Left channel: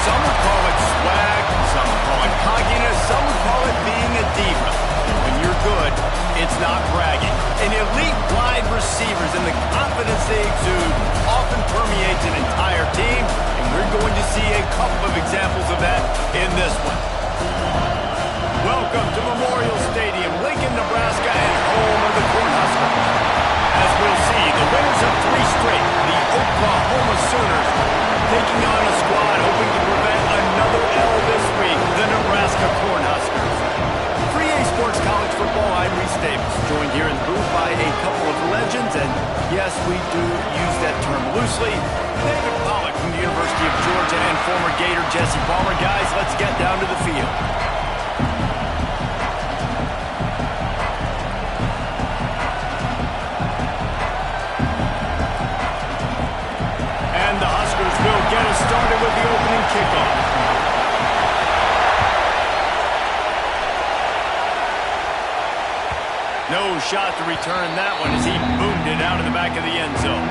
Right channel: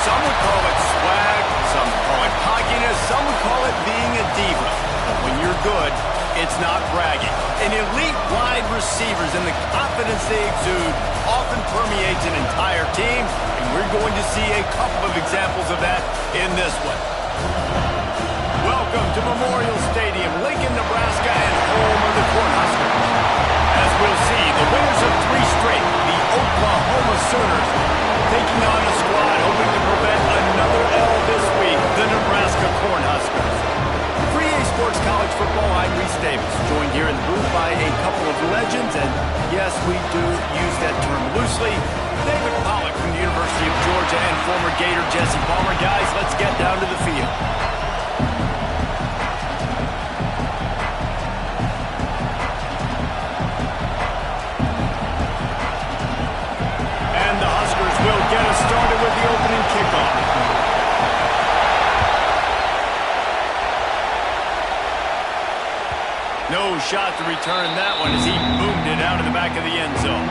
Some would call it swag, some would call it cockiness, some would call it being a diva. But when you're good, it's not bragging. And elite wide receivers and the confidence they exude often permeates an entire team, and we're going to see a couple of examples of that in this one. Welcome to Memorial Stadium, Lincoln, Nebraska, and home of the Cornhuskers. As we'll see, the winners of 3 straight, the Oklahoma Sooners, taking on a squad hoping to prevent another L this week, the Nebraska Cornhuskers. For EA Sports College Football, I'm Reese Davis, joined here in the booth by a couple of legends, and yes, we do use that term loosely. David Pollack from the University of Georgia and former Gator Jesse Palmer. Guys, let's get down to the field. And the Huskers will get us started with the opening kickoff. No shot to return that one as he boomed it out of the back of the end zone.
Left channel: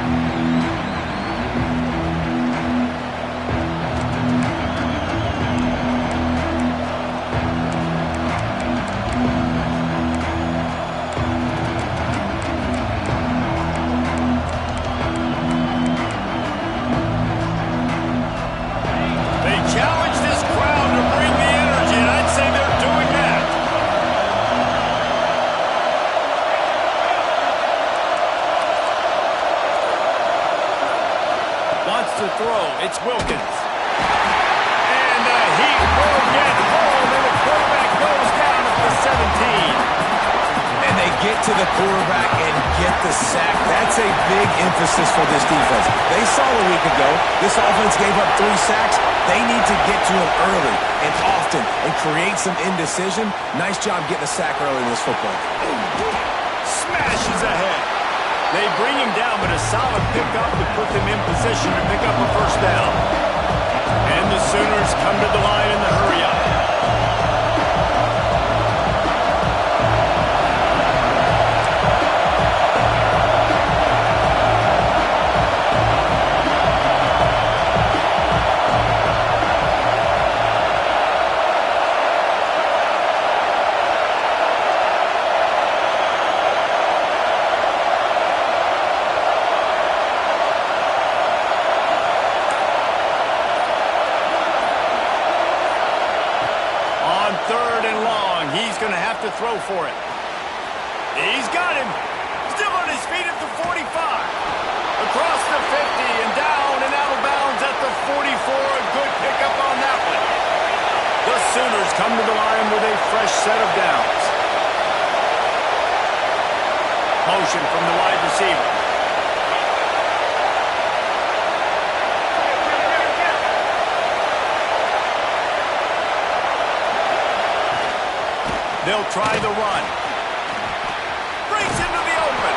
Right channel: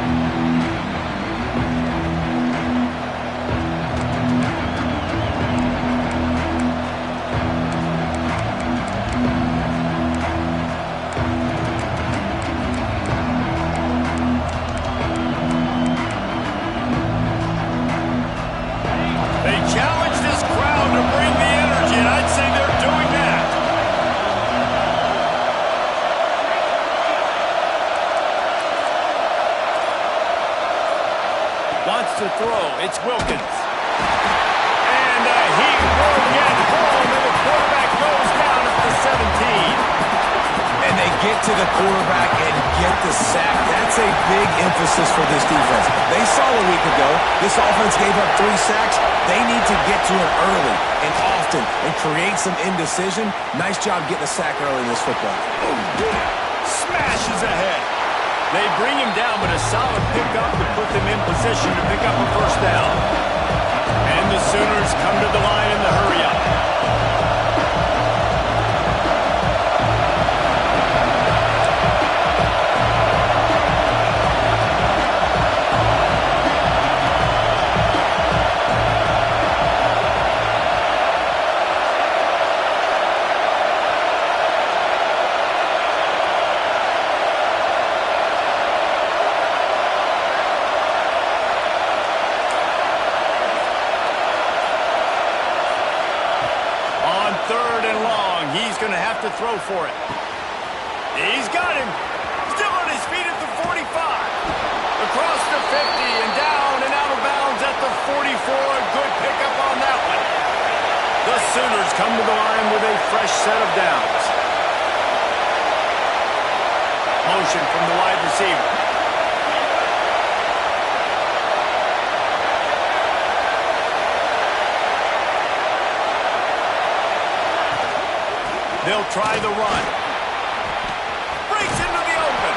They challenge this crowd to bring the energy, and I'd say they're doing that. Wants to throw. It's Wilkins. And he will get home, and the quarterback goes down at the 17. And they get to the quarterback and get the sack. That's a big emphasis for this defense. They saw a week ago, this offense gave up 3 sacks. They need to get to him early and often and create some indecision. Nice job getting a sack early in this football game. Smashes ahead. They bring him down, but a solid pickup to put them in position to pick up a first down. And the Sooners come to the line in the hurry-up. On 3rd and long, he's going to have to throw for it. He's got him. Still on his feet at the 45. Across the 50 and down and out of bounds at the 44. A good pickup on that one. The Sooners come to the line with a fresh set of downs. Motion from the wide receiver. They'll try the run. Breaks into the open.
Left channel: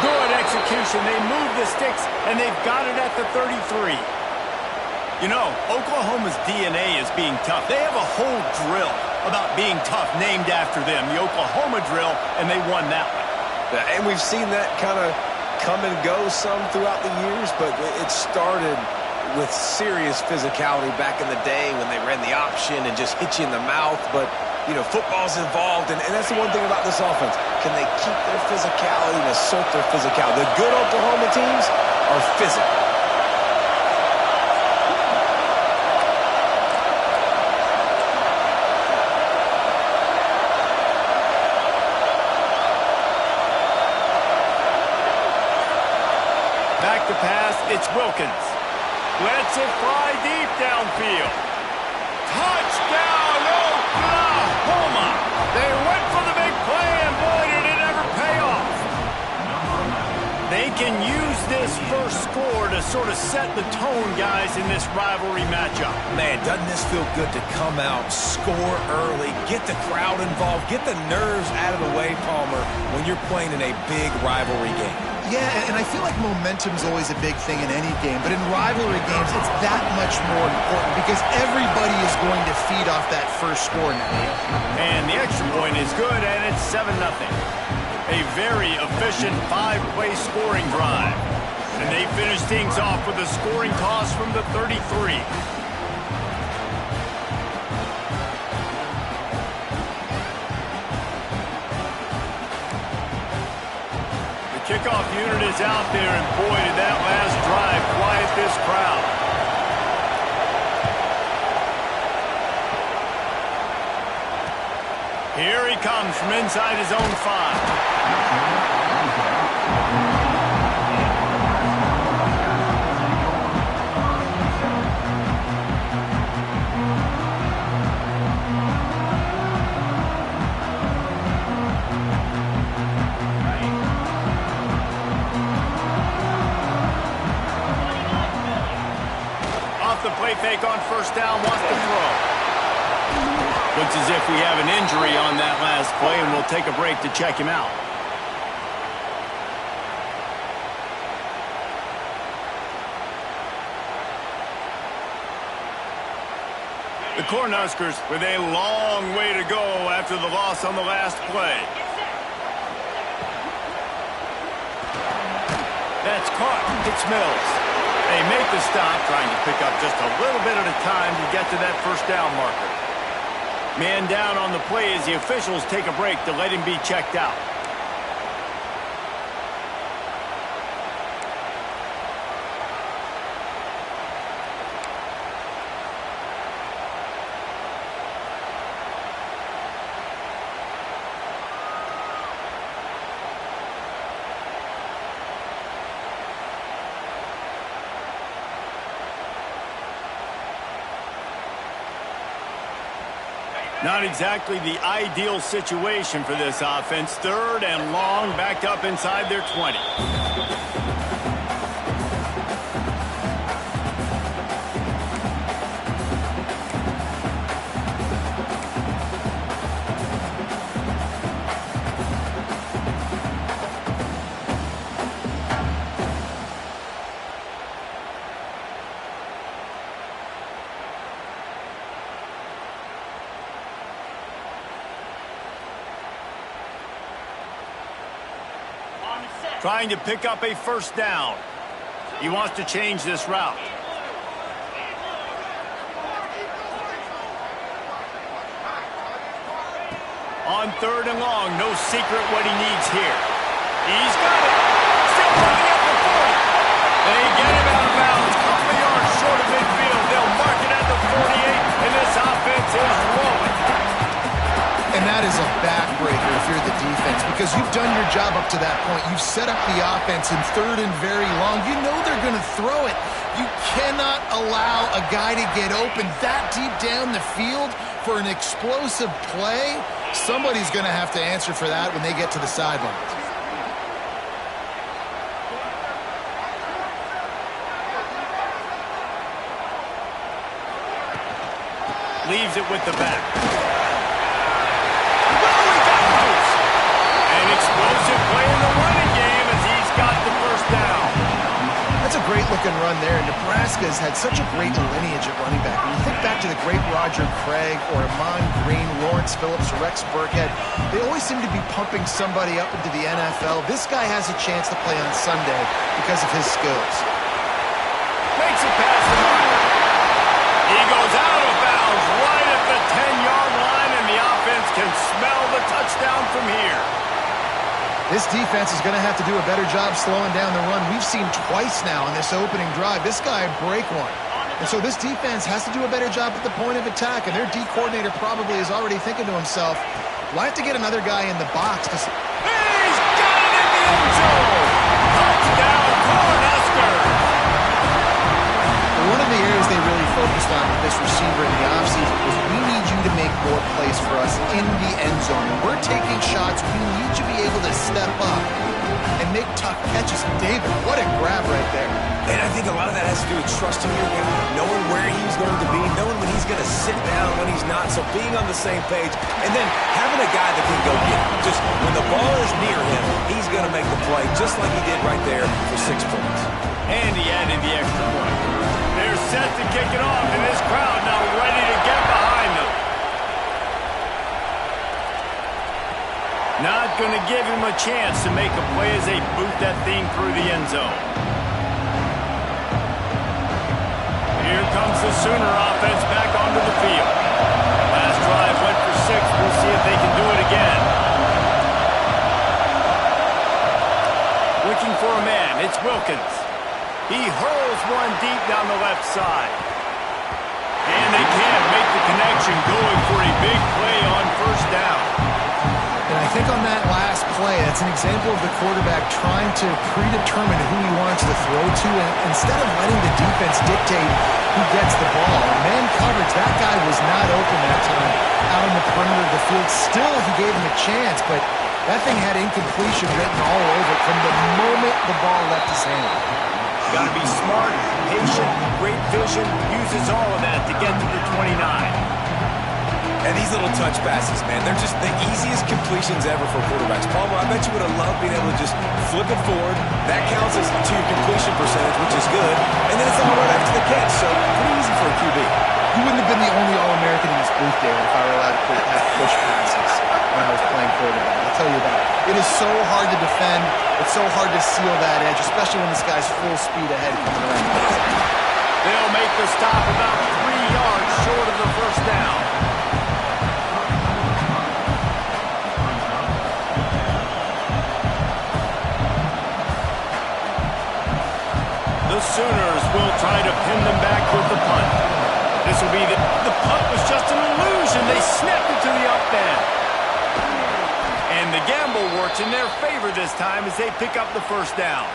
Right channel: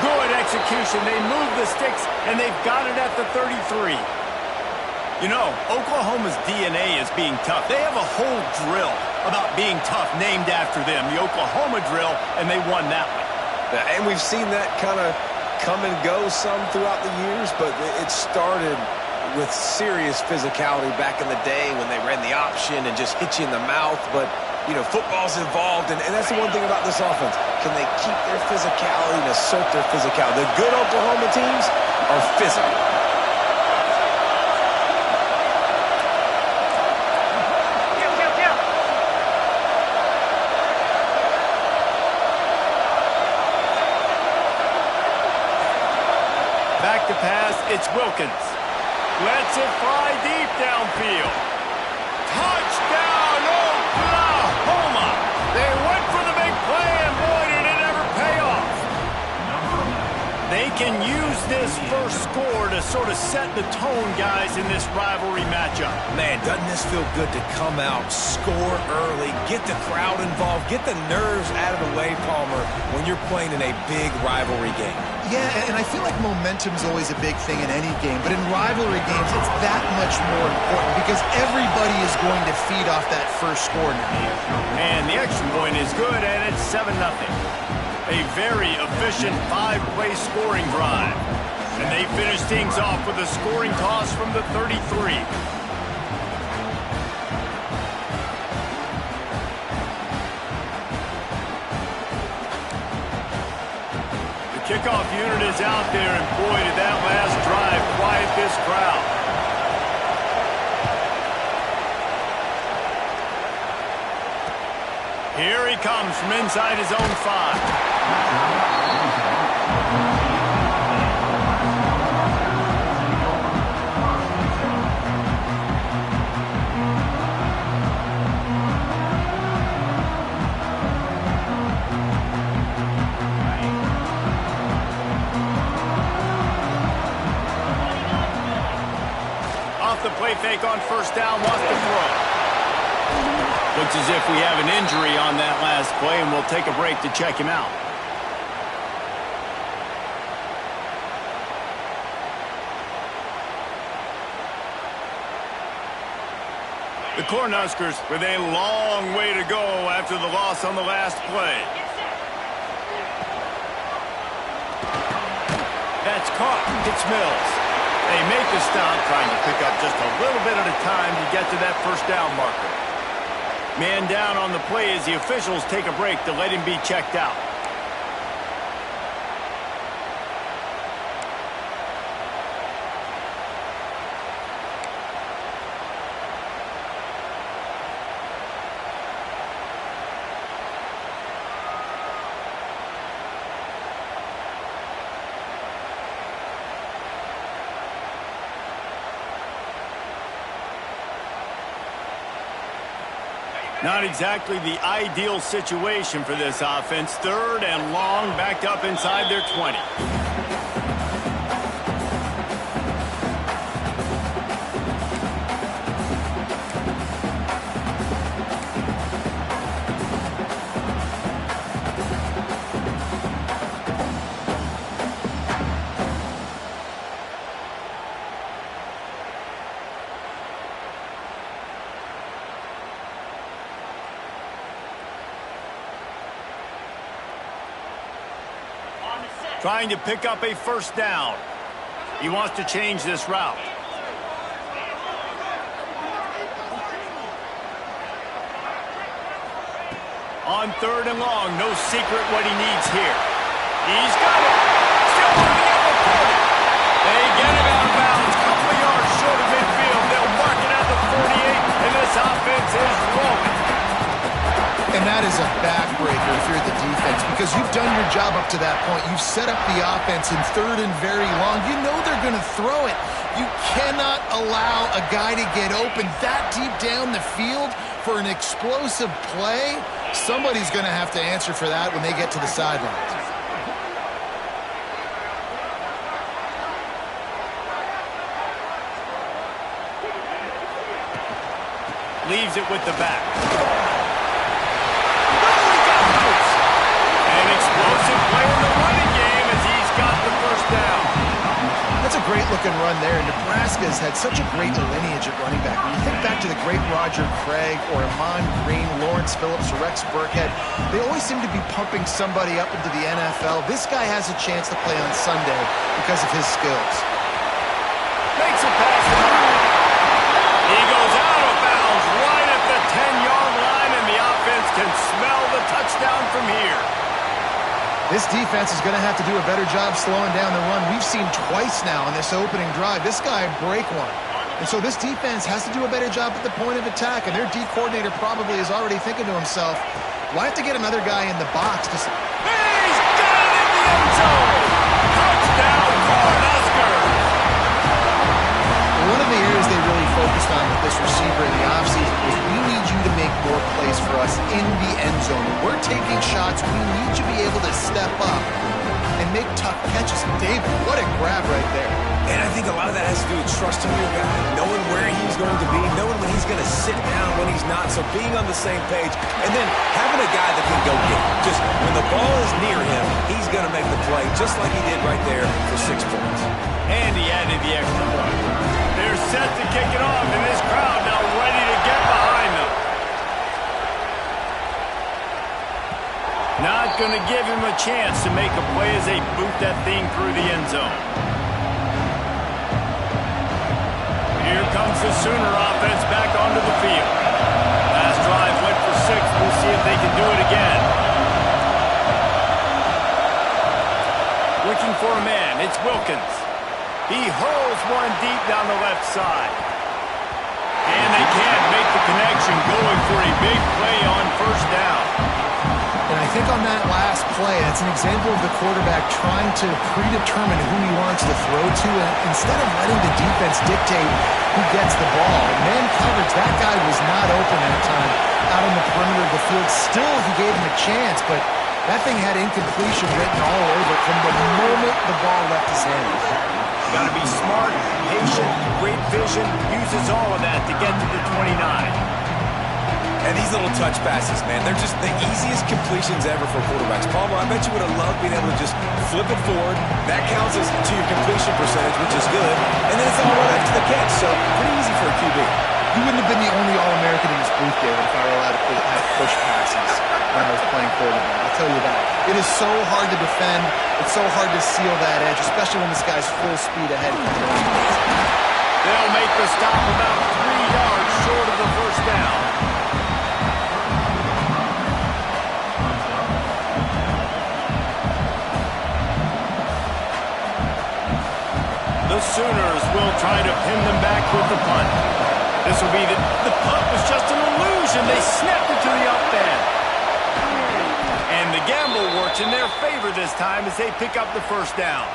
Good execution. They move the sticks, and they've got it at the 33. You know, Oklahoma's DNA is being tough. They have a whole drill about being tough named after them, the Oklahoma drill, and they won that one. And we've seen that kind of come and go some throughout the years, but it started with serious physicality back in the day when they ran the option and just hit you in the mouth. But you know, football's involved, and that's the one thing about this offense. Can they keep their physicality and assert their physicality? The good Oklahoma teams are physical. Back to pass, it's Wilkins. Lets it fly deep downfield. Touchdown, Oklahoma! They went for the big play, and boy, did it ever pay off. They can use this first score to sort of set the tone, guys, in this rivalry matchup. Man, doesn't this feel good to come out, score early, get the crowd involved, get the nerves out of the way, Palmer, when you're playing in a big rivalry game? Yeah, and I feel like momentum is always a big thing in any game, but in rivalry games, it's that much more important because everybody is going to feed off that first score now. And the extra point is good, and it's 7-0. A very efficient 5-play scoring drive. And they finish things off with a scoring toss from the 33. kickoff unit is out there, and boy, did that last drive quiet this crowd. Here he comes from inside his own 5. The play fake on first down, wants to throw. Looks as if we have an injury on that last play, and we'll take a break to check him out. The Cornhuskers with a long way to go after the loss on the last play. That's caught. It's Mills. They make the stop, trying to pick up just a little bit at a time to get to that first down marker. Man down on the play as the officials take a break to let him be checked out. Not exactly the ideal situation for this offense. 3rd and long, backed up inside their 20. Trying to pick up a first down. He wants to change this route. On 3rd and long, no secret what he needs here. He's got it. Still running at the 40. They get him out of bounds. Couple of yards short of midfield. They'll mark it at the 48, and this offense is rolling. And that is a backbreaker if you're the defense, because you've done your job up to that point. You've set up the offense in 3rd and very long. You know they're going to throw it. You cannot allow a guy to get open that deep down the field for an explosive play. Somebody's going to have to answer for that when they get to the sidelines. Leaves it with the back. An explosive play in the running game as he's got the first down. That's a great-looking run there. Nebraska's had such a great lineage at running back. When you think back to the great Roger Craig or Amon Green, Lawrence Phillips, or Rex Burkhead, they always seem to be pumping somebody up into the NFL. This guy has a chance to play on Sunday because of his skills. Makes it past the mark. He goes out of bounds right at the 10-yard line, and the offense can smell the touchdown from here. This defense is going to have to do a better job slowing down the run. We've seen twice now in this opening drive. This guy break one. And so this defense has to do a better job at the point of attack, and their D coordinator probably is already thinking to himself, do I have to get another guy in the box to... He's got it in the end zone! Touchdown, Cornhuskers! One of the areas they really focused on with this receiver in the offseason was we need you to make more plays for us in the end zone. When we're taking shots, we need you to be able to step up and make tough catches. David, what a grab right there. And I think a lot of that has to do with trusting your guy, knowing where he's going to be, knowing when he's going to sit down, when he's not. So being on the same page, and then having a guy that can go get it. Just when the ball is near him, he's going to make the play, just like he did right there for 6 points. And he added the extra point. They're set to kick it off, and this crowd now ready to get behind them. Not going to give him a chance to make a play as they boot that thing through the end zone. Here comes the Sooner offense back onto the field. Last drive went for 6. We'll see if they can do it again. Looking for a man. It's Wilkins. He hurls one deep down the left side. And they can't make the connection, going for a big play on first down. And I think on that last play, that's an example of the quarterback trying to predetermine who he wants to throw to, and instead of letting the defense dictate who gets the ball. Man coverage, that guy was not open that time out on the perimeter of the field. Still, he gave him a chance, but that thing had incompletion written all over it from the moment the ball left his hand. Got to be smart, patient, great vision, uses all of that to get to the 29. And these little touch passes, man, they're just the easiest completions ever for quarterbacks. Palmer, I bet you would have loved being able to just flip it forward. That counts as to your completion percentage, which is good. And then it's all right after the catch, so pretty easy for a QB. You wouldn't have been the only All-American in this booth, David, if I were allowed to have push passes when I was playing quarterback. I'll tell you that. It is so hard to defend. It's so hard to seal that edge, especially when this guy's full speed ahead coming around the baseline. They'll make the stop about 3 yards short of the first down. The Sooners will try to pin them back with the punt. This will be the punt was just an illusion. They snapped it to the up end. And the gamble works in their favor this time as they pick up the first down.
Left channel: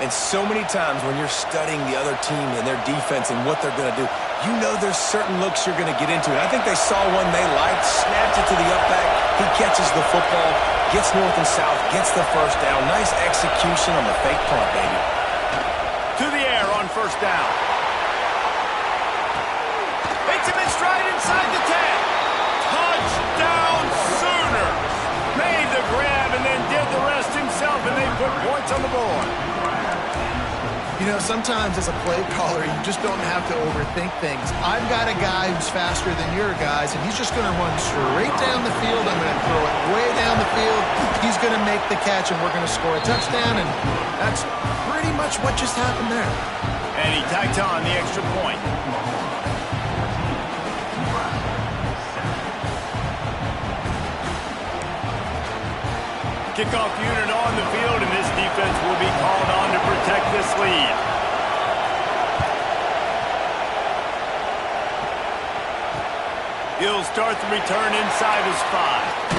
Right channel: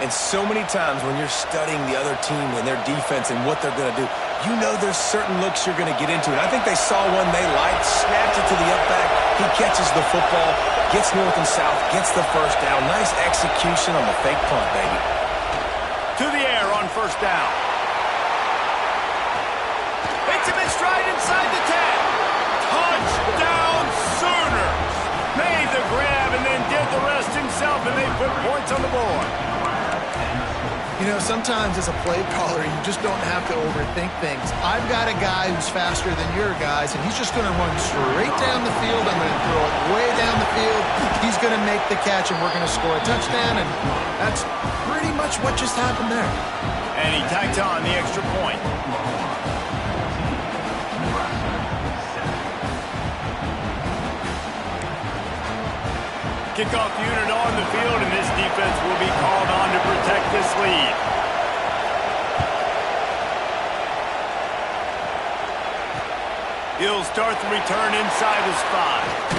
And so many times when you're studying the other team and their defense and what they're going to do, you know there's certain looks you're going to get into. And I think they saw one they liked, snapped it to the up back. He catches the football, gets north and south, gets the first down. Nice execution on the fake punt, baby. To the air on first down. Takes him in stride inside the 10. Touchdown Sooners. Made the grab and then did the rest himself, and they put points on the board. You know, sometimes as a play caller, you just don't have to overthink things. I've got a guy who's faster than your guys, and he's just going to run straight down the field. I'm going to throw it way down the field. He's going to make the catch, and we're going to score a touchdown, and that's pretty much what just happened there. And he tacked on the extra point. Kickoff unit on the field, and this defense will be called on to protect this lead. He'll start the return inside his 5.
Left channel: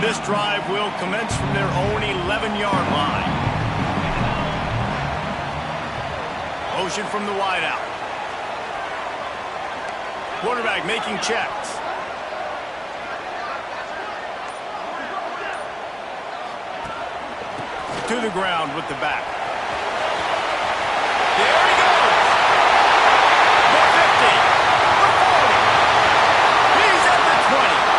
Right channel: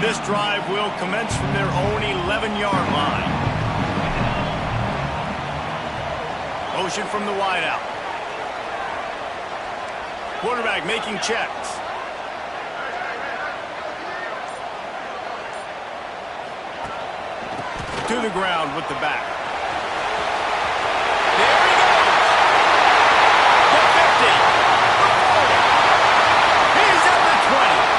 This drive will commence from their own 11-yard line. Motion from the wideout. Quarterback making checks. To the ground with the back. There he goes. The 50. The 40. He's at the 20.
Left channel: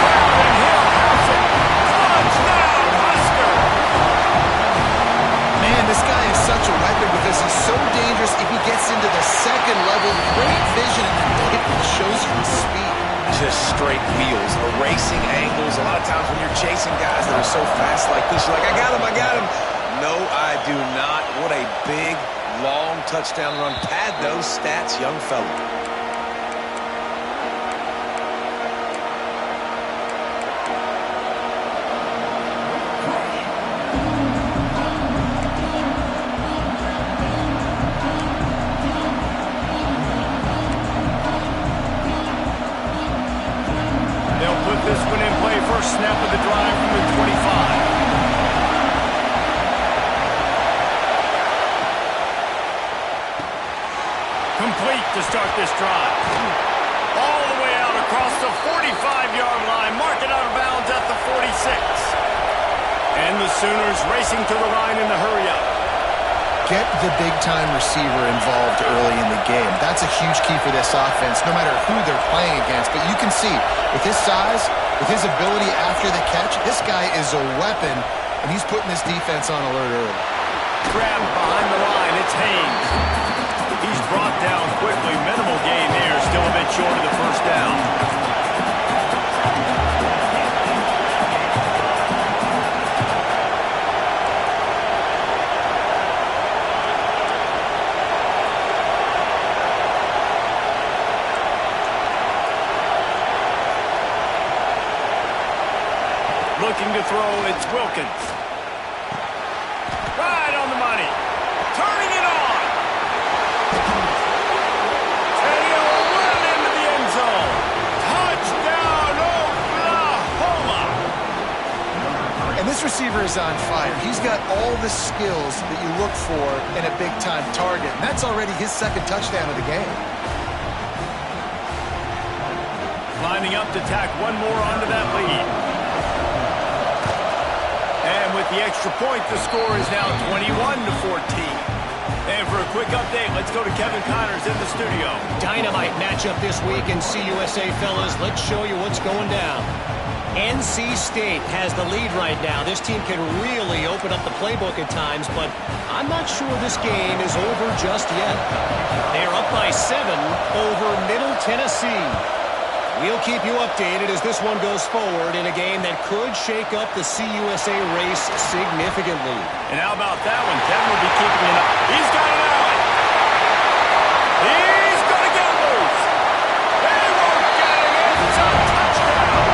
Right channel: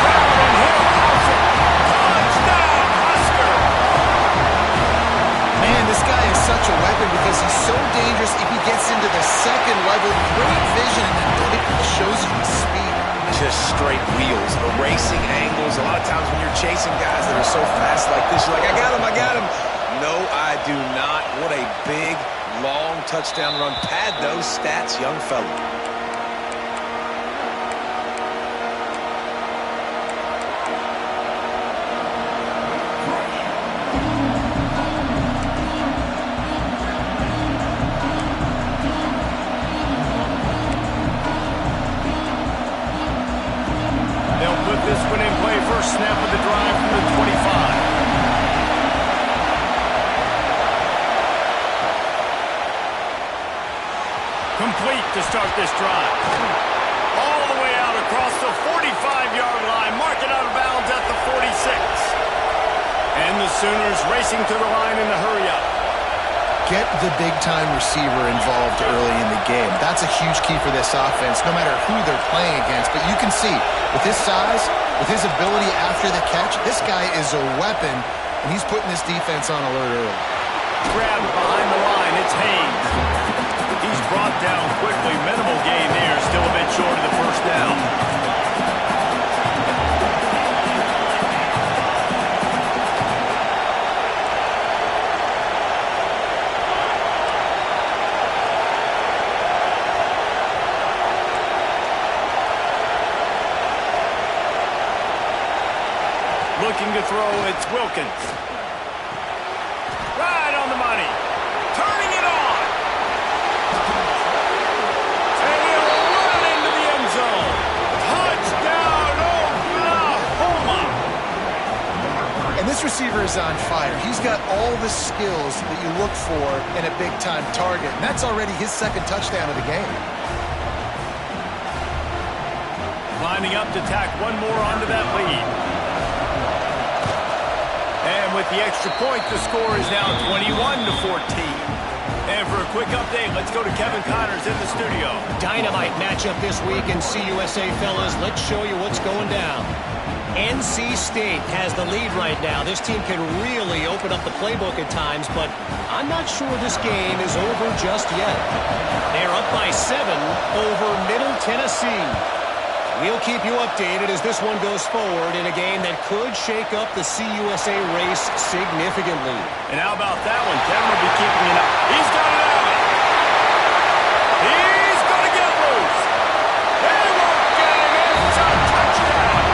And he'll house it. Touchdown, Husker! Man, this guy is such a weapon because he's so dangerous if he gets into the second level. Great vision, and then it shows you the speed. Just straight wheels, erasing angles. A lot of times when you're chasing guys that are so fast like this, you're like, I got him, I got him. No, I do not. What a big, long touchdown run. Pad those stats, young fella. This one in play, first snap of the drive from the 25. Complete to start this drive. All the way out across the 45-yard line. Mark it out of bounds at the 46. And the Sooners racing to the line in the hurry-up. Get the big-time receiver involved early in the game. That's a huge key for this offense, no matter who they're playing against. But you can see, with his size, with his ability after the catch, this guy is a weapon, and he's putting this defense on alert early. Grabbed behind the line, it's Haynes. He's brought down quickly. Minimal gain there. Still a bit short of the first down. Looking to throw, it's Wilkins. Right on the money. Turning it on. And he'll run it into the end zone. Touchdown, Oklahoma. And this receiver is on fire. He's got all the skills that you look for in a big-time target. And that's already his second touchdown of the game. Lining up to tack one more onto that lead. And with the extra point, the score is now 21-14. And for a quick update, let's go to Kevin Connors in the studio. Dynamite matchup this week in CUSA, fellas. Let's show you what's going down. NC State has the lead right now. This team can really open up the playbook at times, but I'm not sure this game is over just yet. They're up by 7 over Middle Tennessee. We'll keep you updated as this one goes forward in a game that could shake up the CUSA race significantly. And how about that one? Kevin will be keeping it up. He's got it out. He's going to get loose. They won't get him. It's a touchdown.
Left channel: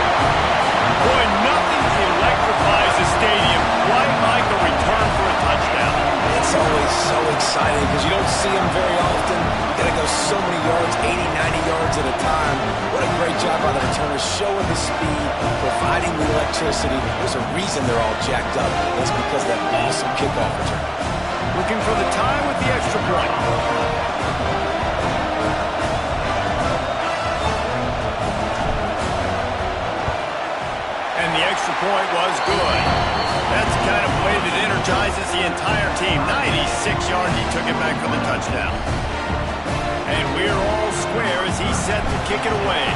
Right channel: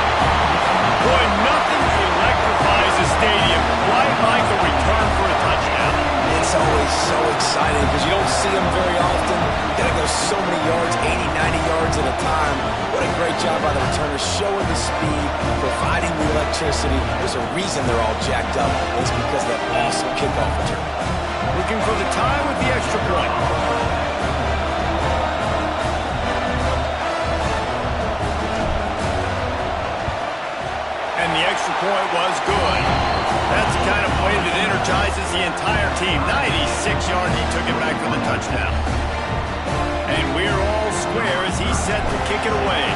Boy, nothing electrifies a stadium quite like a return for a touchdown. It's always so exciting because you don't see them very often. You got to go so many yards, 80, 90 yards at a time. What a great job by the returners, showing the speed, providing the electricity. There's a reason they're all jacked up. It's because of that awesome kickoff return. Looking for the tie with the extra point. And the extra point was good. That's the kind of play that energizes the entire team. 96 yards, he took it back for the touchdown. And we're all square as he's set to kick it away.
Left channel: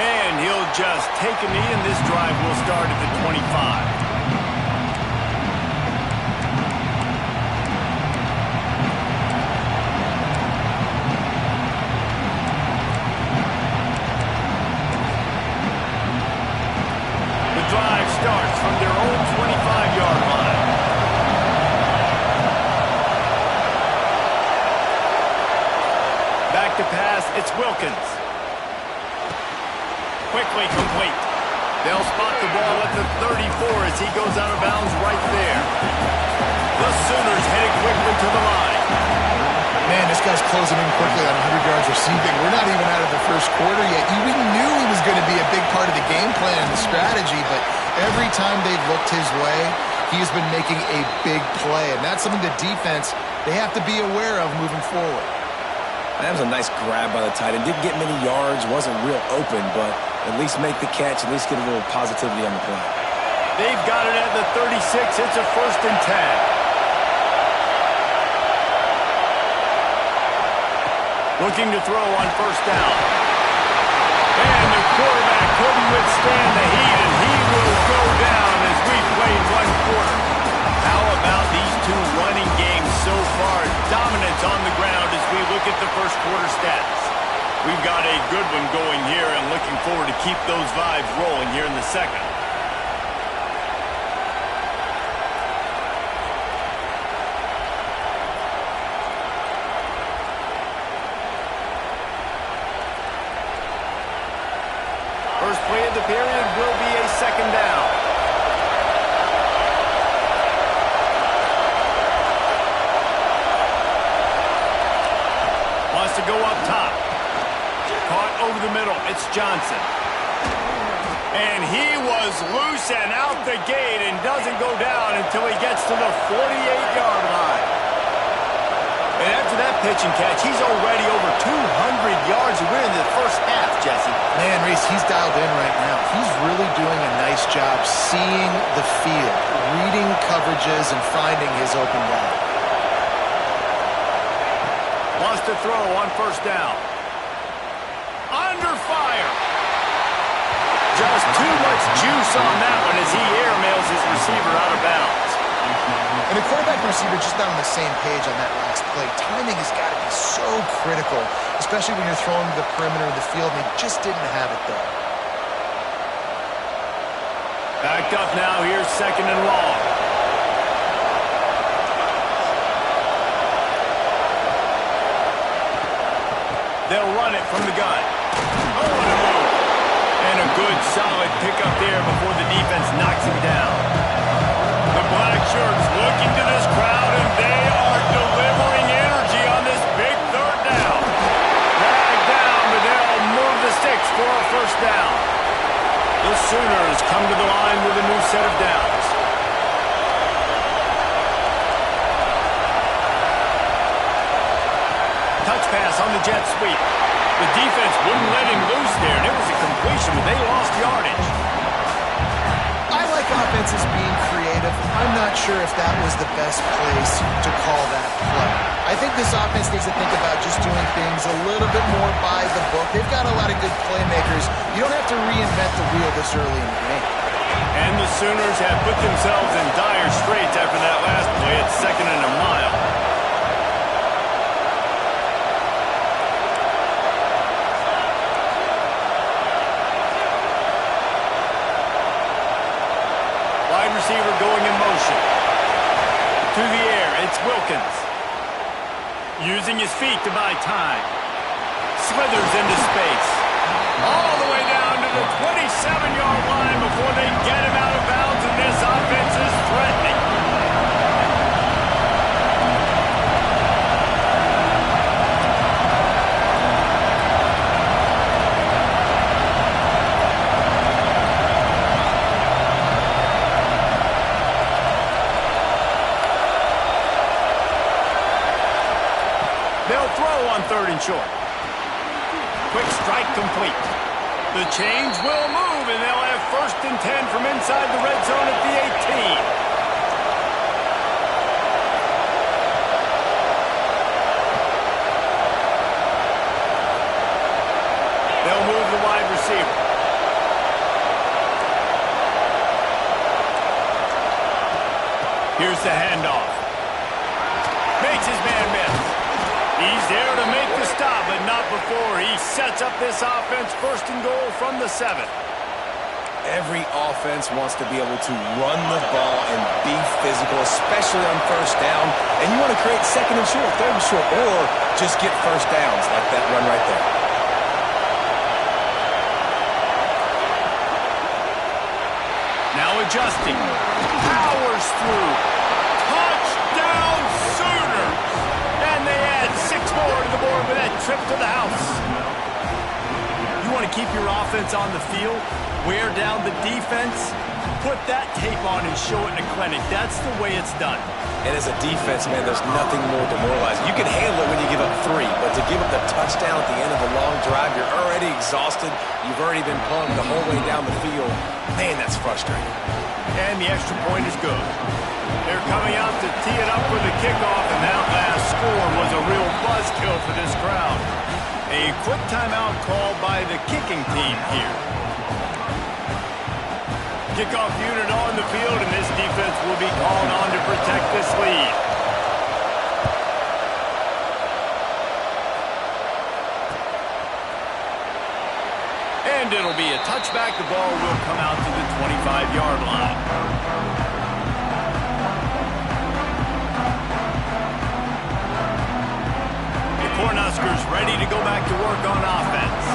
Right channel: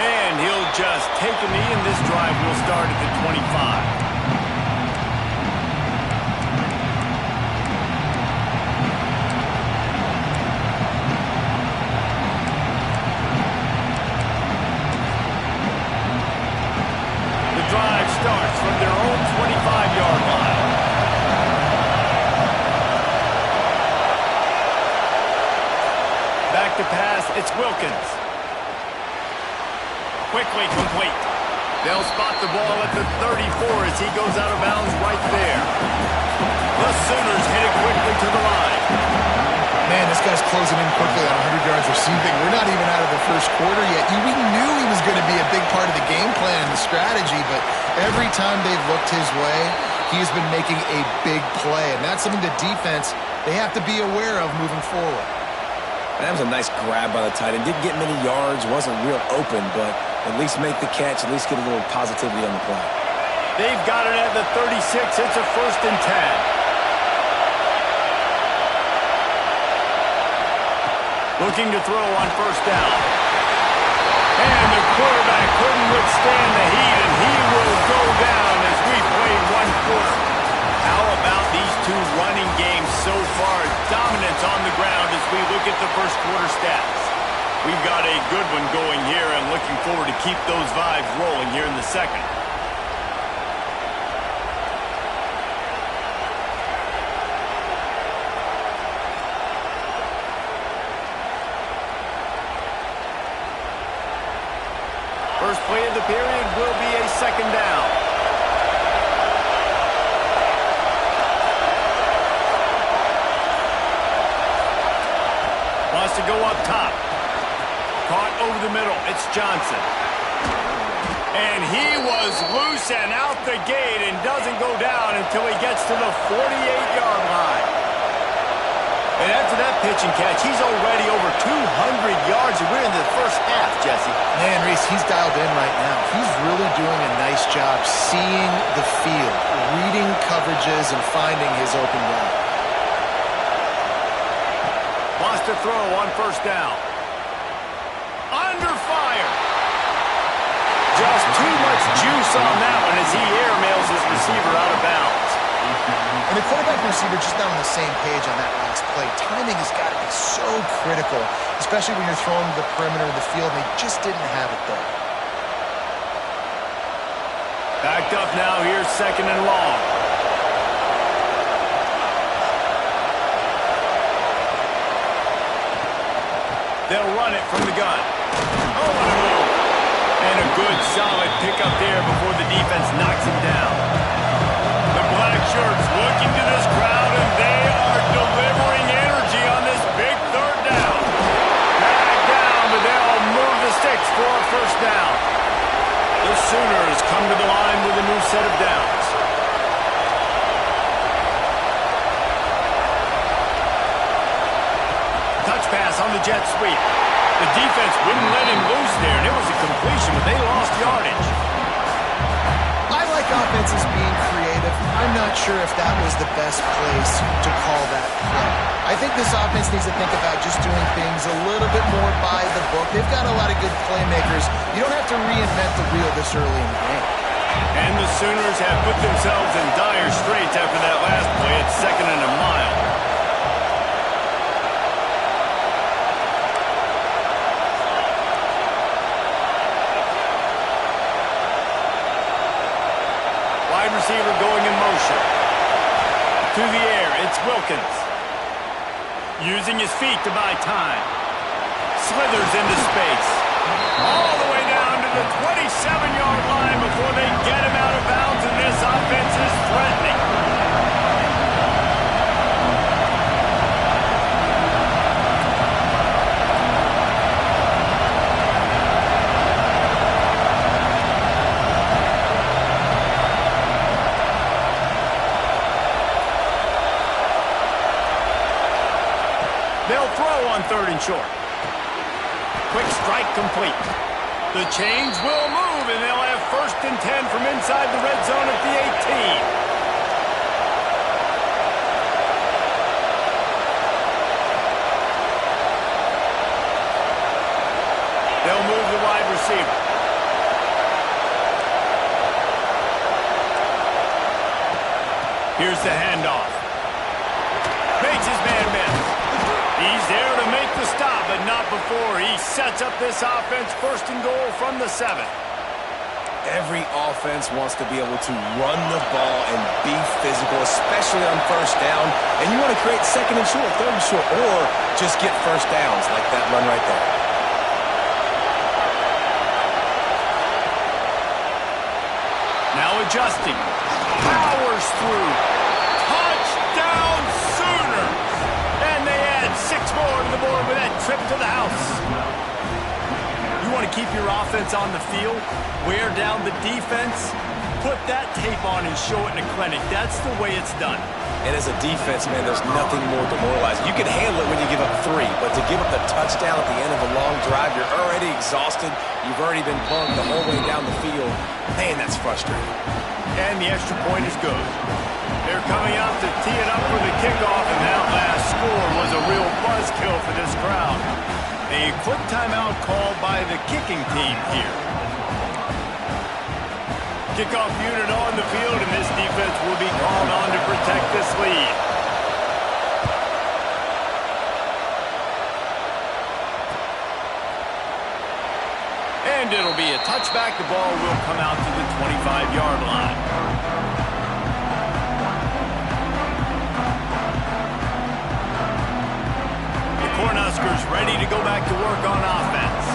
And he'll just take a knee, and this drive will start at the 25. Drive starts from their own 25-yard line. Back to pass, it's Wilkins. Quickly complete. They'll spot the ball at the 34 as he goes out of bounds right there. The Sooners headed quickly to the line. Man, this guy's closing in quickly on 100 yards receiving. We're not even out of the first quarter yet. We knew he was going to be a big part of the game plan and the strategy, but every time they've looked his way, he's been making a big play, and that's something the defense, they have to be aware of moving forward. That was a nice grab by the tight end. Didn't get many yards, wasn't real open, but at least make the catch, at least get a little positivity on the play. They've got it at the 36. It's a 1st and 10. Looking to throw on 1st down. And the quarterback couldn't withstand the heat, and he will go down as we played 1 quarter. How about these two running games so far? Dominance on the ground as we look at the first quarter stats. We've got a good one going here and looking forward to keep those vibes rolling here in the second. First play of the period will be a 2nd down. Wants to go up top. Caught over the middle. It's Johnson. And he was loose and out the gate and doesn't go down until he gets to the 48-yard line. And after that pitch and catch, he's already over 200 yards, and we're in the first half, Jesse. Man, Reese, he's dialed in right now. He's really doing a nice job seeing the field, reading coverages, and finding his open guy. Wants to throw on 1st down. Under fire. Just too much juice on that one as he airmails his receiver out of bounds. And the quarterback and receiver just not on the same page on that last play. Timing has got to be so critical, especially when you're throwing to the perimeter of the field, and they just didn't have it there. Backed up now, here's 2nd and long. They'll run it from the gun. Oh, what a move. And a good, solid pickup there before the defense knocks him down. The black shirts looking to this crowd, and they are delivering energy on this big 3rd down. Dragged down, but they'll move the sticks for a 1st down. The Sooners come to the line with a new set of downs. Touch pass on the jet sweep. The defense wouldn't let him loose there, and it was a completion, but they lost yardage. I like offenses being creative. I'm not sure if that was the best place to call that play. I think this offense needs to think about just doing things a little bit more by the book. They've got a lot of good playmakers. You don't have to reinvent the wheel this early in the game. And the Sooners have put themselves in dire straits after that last play at 2nd and a mile. Wide receiver going in motion. To the air, it's Wilkins. Using his feet to buy time. Slithers into space. All the way down to the 27-yard line before they get him out of bounds, and this offense is threatening. They'll throw on 3rd and short. Quick strike complete. The chains will move, and they'll have 1st and 10 from inside the red zone at the 18. They'll move the wide receiver. Here's the handoff. Makes his man miss. He's there to make the stop, but not before he sets up this offense 1st and goal from the 7. Every offense wants to be able to run the ball and be physical, especially on 1st down. And you want to create 2nd and short, 3rd and short, or just get 1st downs like that run right there. Now adjusting. Powers through. Touchdown Sooners! And they add 6 more to the board with that trip to the house. You want to keep your offense on the field, wear down the defense, put that tape on and show it in a clinic. That's the way it's done. And as a defense, man, there's nothing more demoralizing. You can handle it when you give up 3, but to give up the touchdown at the end of a long drive, you're already exhausted. You've already been punked the whole way down the field. Man, that's frustrating. And the extra point is good. They're coming out to tee it up for the kickoff, and that last score was a real buzzkill for this crowd. A quick timeout called by the kicking team here. Kickoff unit on the field, and this defense will be called on to protect this lead. And it'll be a touchback. The ball will come out to the 25-yard line. Cornhuskers ready to go back to work on offense.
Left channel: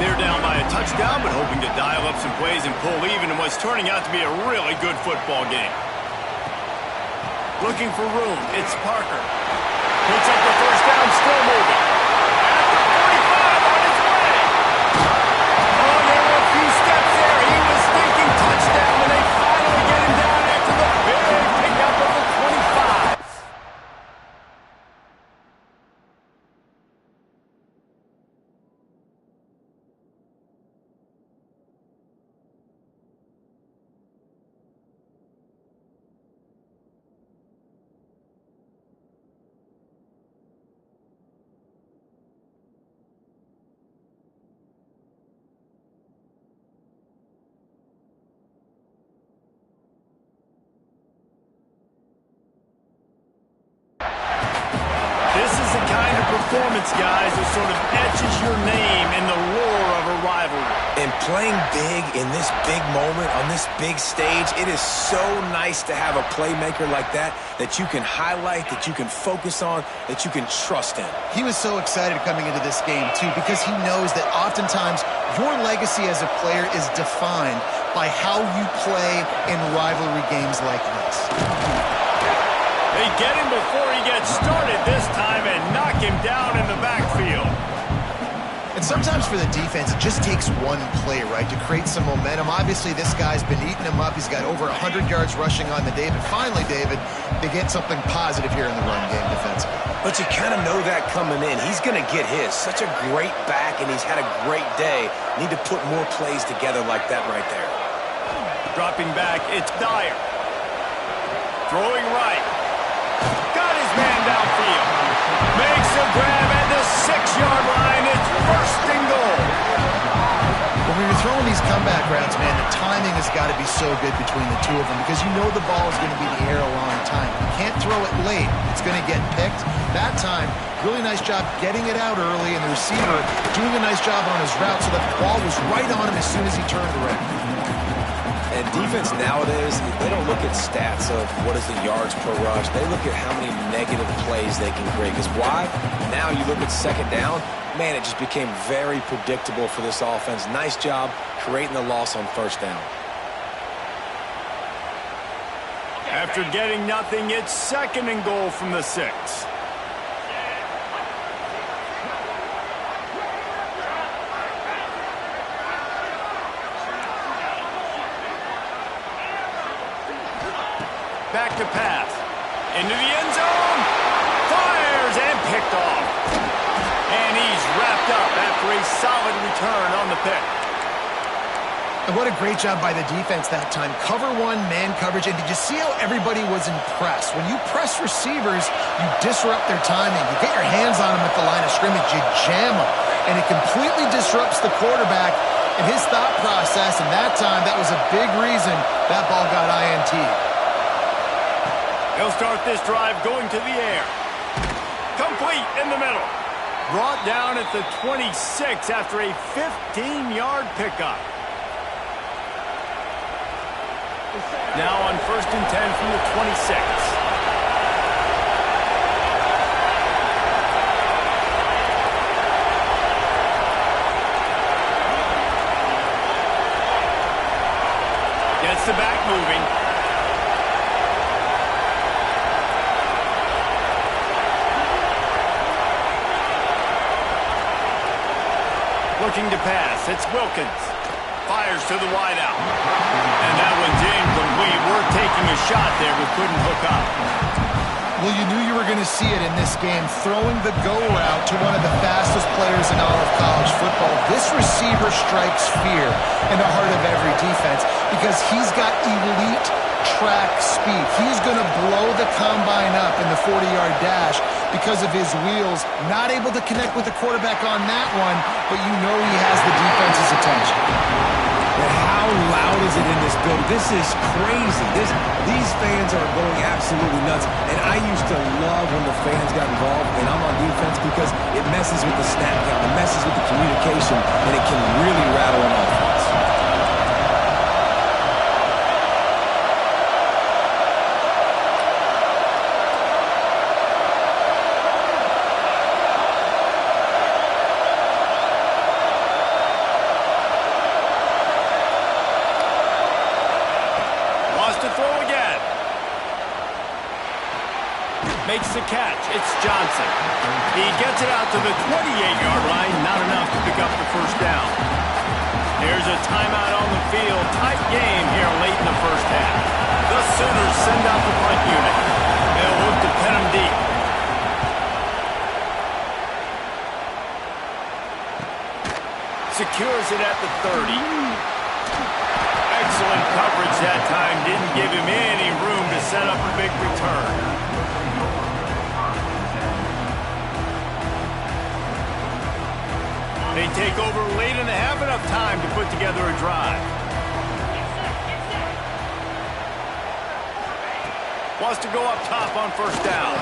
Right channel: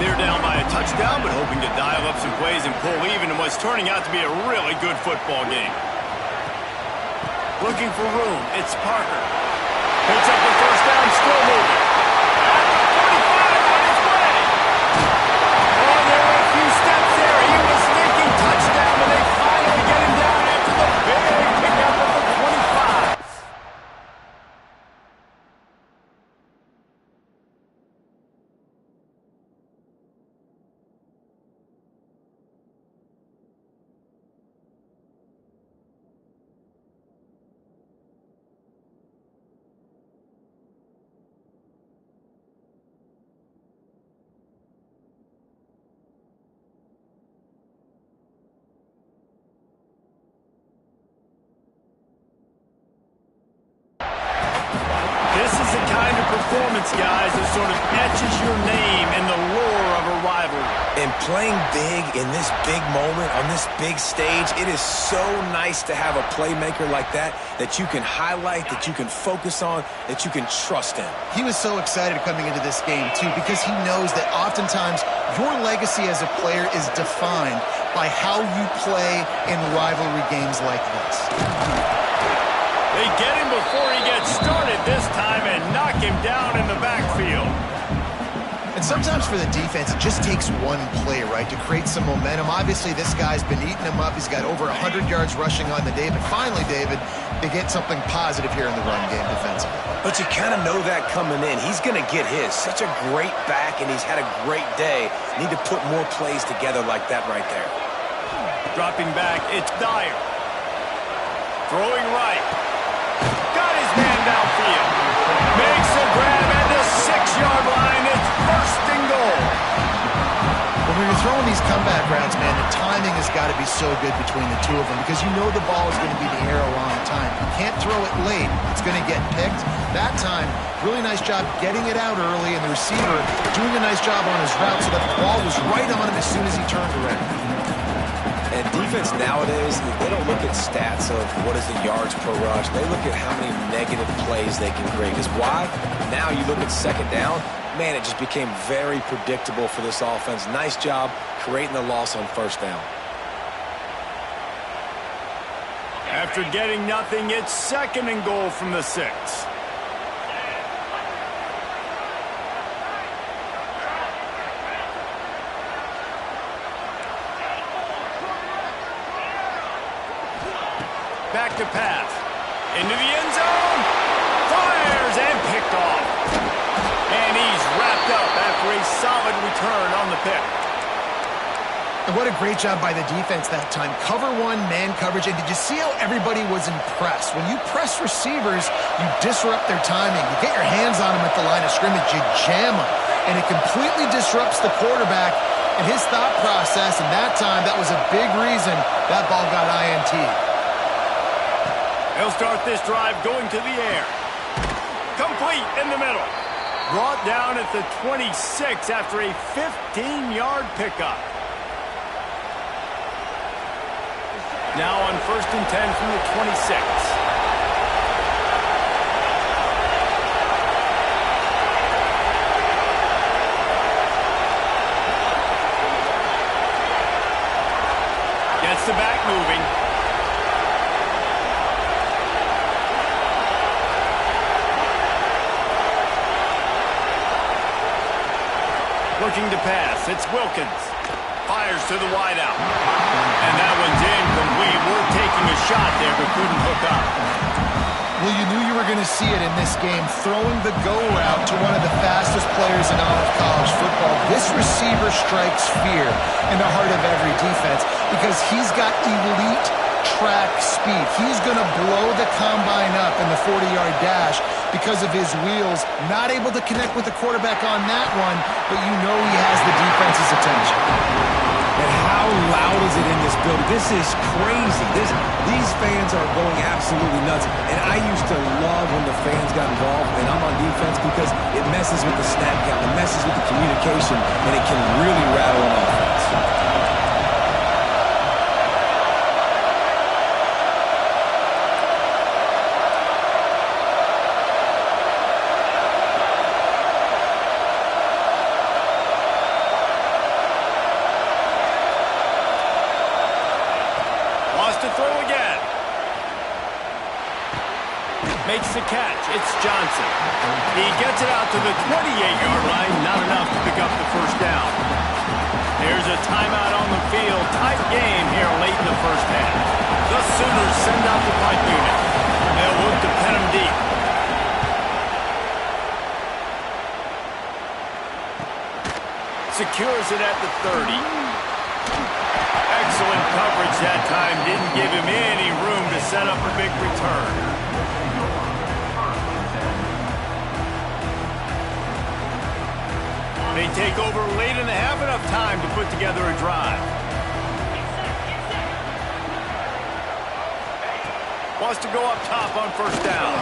They're down by a touchdown, but hoping to dial up some plays and pull even in what's turning out to be a really good football game. Looking for room, it's Parker. Picks up the 1st down, still moving. At the 45 on his way. Oh, there were a few steps there. He was thinking touchdown, and they finally get him down after the big pickup of the 25. the kind of performance, guys, that sort of etches your name in the lore of a rivalry. And playing big in this big moment, on this big stage, it is so nice to have a playmaker like that you can highlight, that you can focus on, that you can trust in. He was so excited coming into this game, too, because he knows that oftentimes your legacy as a player is defined by how you play in rivalry games like this. They get him before he gets started this time and knock him down in the backfield. And sometimes for the defense, it just takes one play, right, to create some momentum. Obviously, this guy's been eating him up. He's got over 100 yards rushing on the day. But finally, David, they get something positive here in the run game defensively. But you kind of know that coming in. He's going to get his. Such a great back, and he's had a great day. Need to put more plays together like that right there. Dropping back, it's Dyer. Throwing right. Got his man downfield. Makes a grab at the 6-yard line. It's 1st and goal. When you're throwing these comeback routes, man, the timing has got to be so good between the two of them because you know the ball is going to be in the air a long time. You can't throw it late. It's going to get picked. That time, really nice job getting it out early, and the receiver doing a nice job on his route so that the ball was right on him as soon as he turned around. And defense nowadays, they don't look at stats of what is the yards per rush. They look at how many negative plays they can create. Because why? Now you look at 2nd down, man, it just became very predictable for this offense. Nice job creating the loss on 1st down. After getting nothing, it's 2nd and goal from the 6. Back to pass. Into the end zone. Fires and picked off. And he's wrapped up after a solid return on the pick. And what a great job by the defense that time. Cover 1, man coverage. And did you see how everybody was impressed? When you press receivers, you disrupt their timing. You get your hands on them at the line of scrimmage. You jam them. And it completely disrupts the quarterback and his thought process. And that time, that was a big reason that ball got INT'd. He'll start this drive going to the air. Complete in the middle. Brought down at the 26 after a 15-yard pickup. Now on 1st and 10 from the 26. Gets the back moving. Looking to pass. It's Wilkins. Fires to the wideout. And that one's incomplete. We're taking a shot there, but couldn't hook up. Well, you knew you were going to see it in this game. Throwing the go route to one of the fastest players in all of college football. This receiver strikes fear in the heart of every defense because he's got elite track speed. He's going to blow the combine up in the 40-yard dash because of his wheels. Not able to connect with the quarterback on that one, but you know he has the defense's attention. And how loud is it in this building? This is crazy. These fans are going absolutely nuts. And I used to love when the fans got involved, and I'm on defense because it messes with the snap count, it messes with the communication, and it can really rattle an offense. To throw again. Makes the catch. It's Johnson. He gets it out to the 28-yard line. Not enough to pick up the 1st down. Here's a timeout on the field. Tight game here late in the 1st half. The Sooners send out the punt unit. They'll look to pin them deep. Secures it at the 30. Excellent coverage that time. Didn't give him any room to set up a big return. They take over late and have enough time to put together a drive. Wants to go up top on 1st down.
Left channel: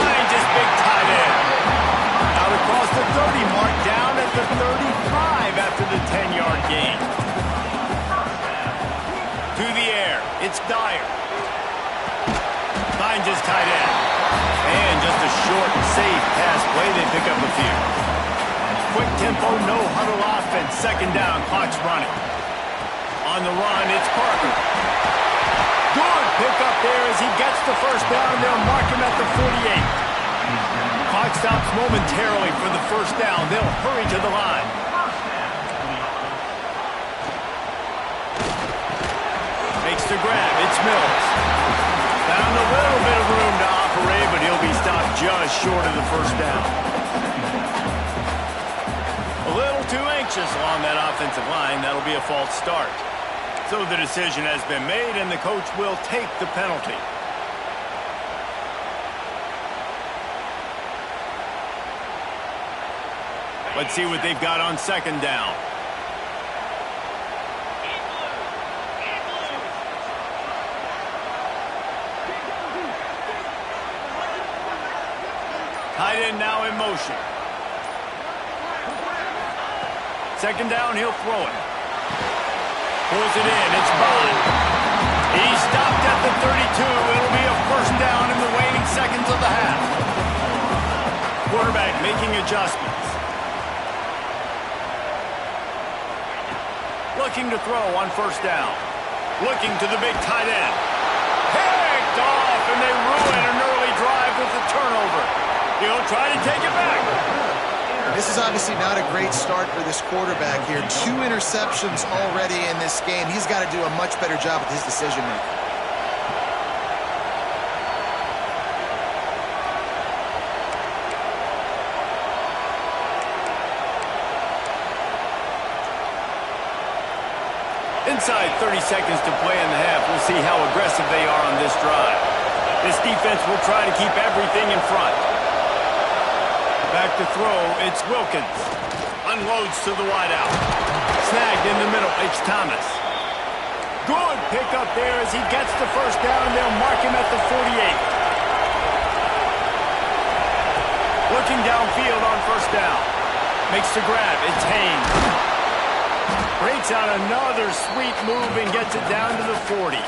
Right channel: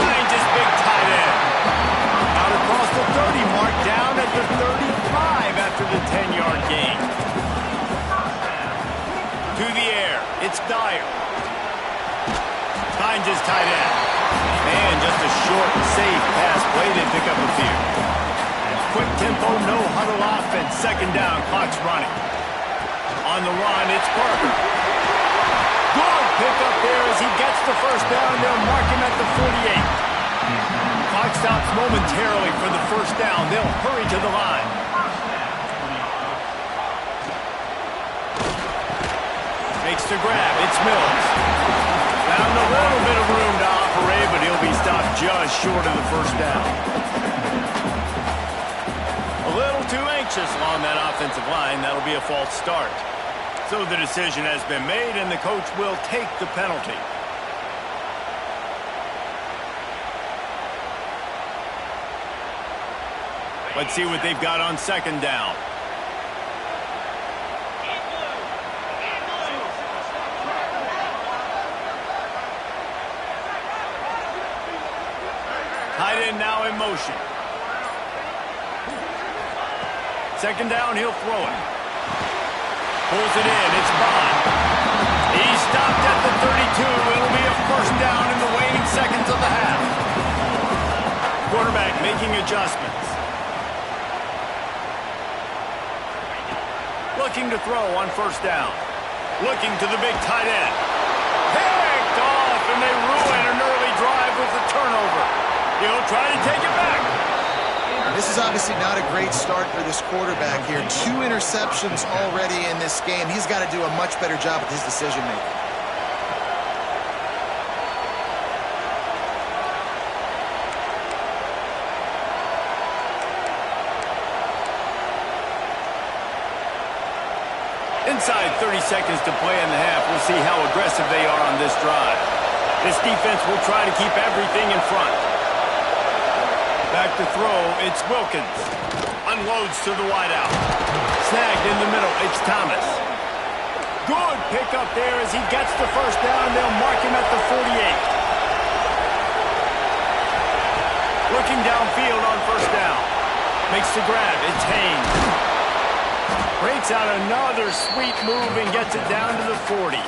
finds his big tight end. Out across the 30 mark, down at the 35 after the 10-yard gain. To the air, it's Dyer. Finds his tight end. And just a short, safe pass play. They pick up a few. Quick tempo, no huddle offense. Second down, clock's running. On the run, it's Parker. Good pickup there as he gets the first down. They'll mark him at the 48. Clock stops momentarily for the first down. They'll hurry to the line. Makes the grab. It's Mills. Found a little bit of room to operate, but he'll be stopped just short of the first down. A little too anxious along that offensive line. That'll be a false start. So the decision has been made, and the coach will take the penalty. Let's see what they've got on second down. Tight end now in motion. Second down, he'll throw it. Pulls it in, it's Bond. He's stopped at the 32. It'll be a first down in the waning seconds of the half. Quarterback making adjustments. Looking to throw on first down. Looking to the big tight end. Picked off, and they ruin an early drive with the turnover. He'll try to take it back. This is obviously not a great start for this quarterback here. 2 interceptions already in this game. He's got to do a much better job with his decision-making. Inside 30 seconds to play in the half. We'll see how aggressive they are on this drive. This defense will try to keep everything in front. Back to throw, it's Wilkins. Unloads to the wideout. Snagged in the middle, it's Thomas. Good pickup there as he gets the first down. They'll mark him at the 48. Looking downfield on first down. Makes the grab, it's Haynes. Breaks out another sweet move and gets it down to the 40.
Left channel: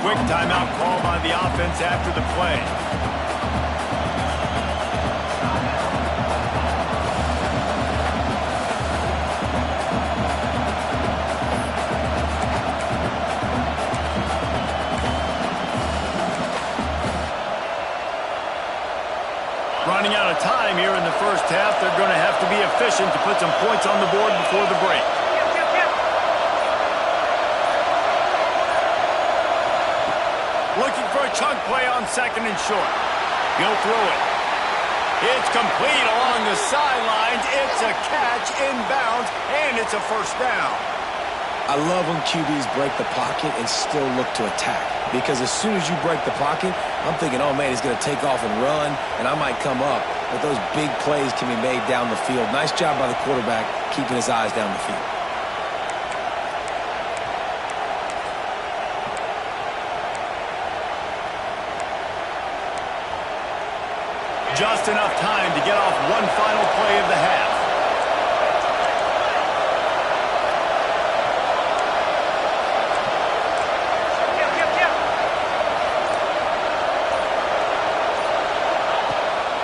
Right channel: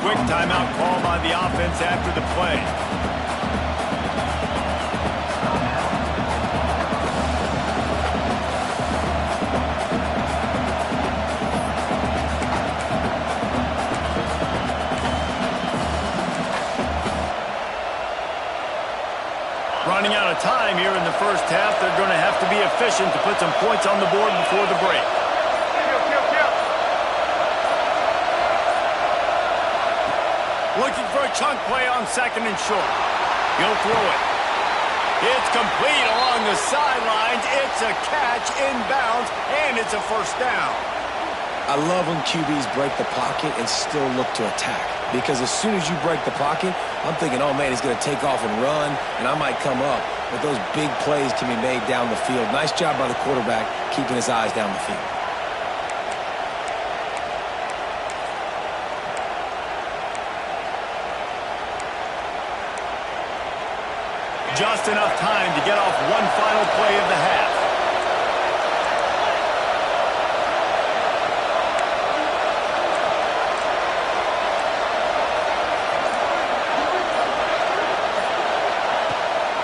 Quick timeout call by the offense after the play. Running out of time here in the first half. They're going to have to be efficient to put some points on the board before the break. Looking for a chunk play on second and short. He'll throw it. It's complete along the sidelines. It's a catch inbounds, and it's a first down. I love when QBs break the pocket and still look to attack. Because as soon as you break the pocket, I'm thinking, oh, man, he's going to take off and run, and I might come up. But those big plays can be made down the field. Nice job by the quarterback keeping his eyes down the field. Just enough time to get off one final play of the half.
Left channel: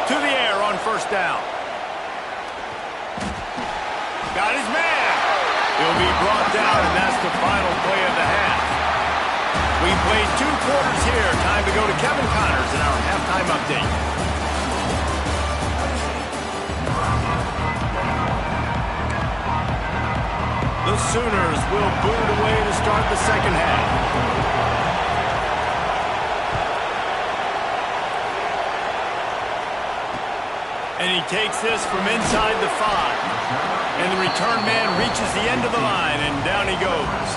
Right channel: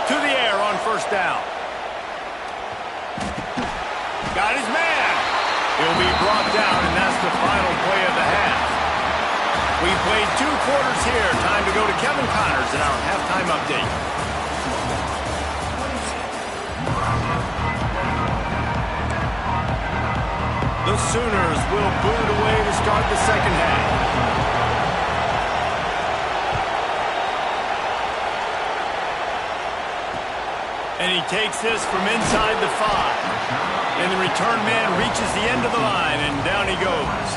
To the air on first down. Got his man. He'll be brought down, and that's the final play of the half. We played 2 quarters here. Time to go to Kevin Connors in our halftime update. The Sooners will boot it away to start the second half. And he takes this from inside the 5. And the return man reaches the end of the line, and down he goes.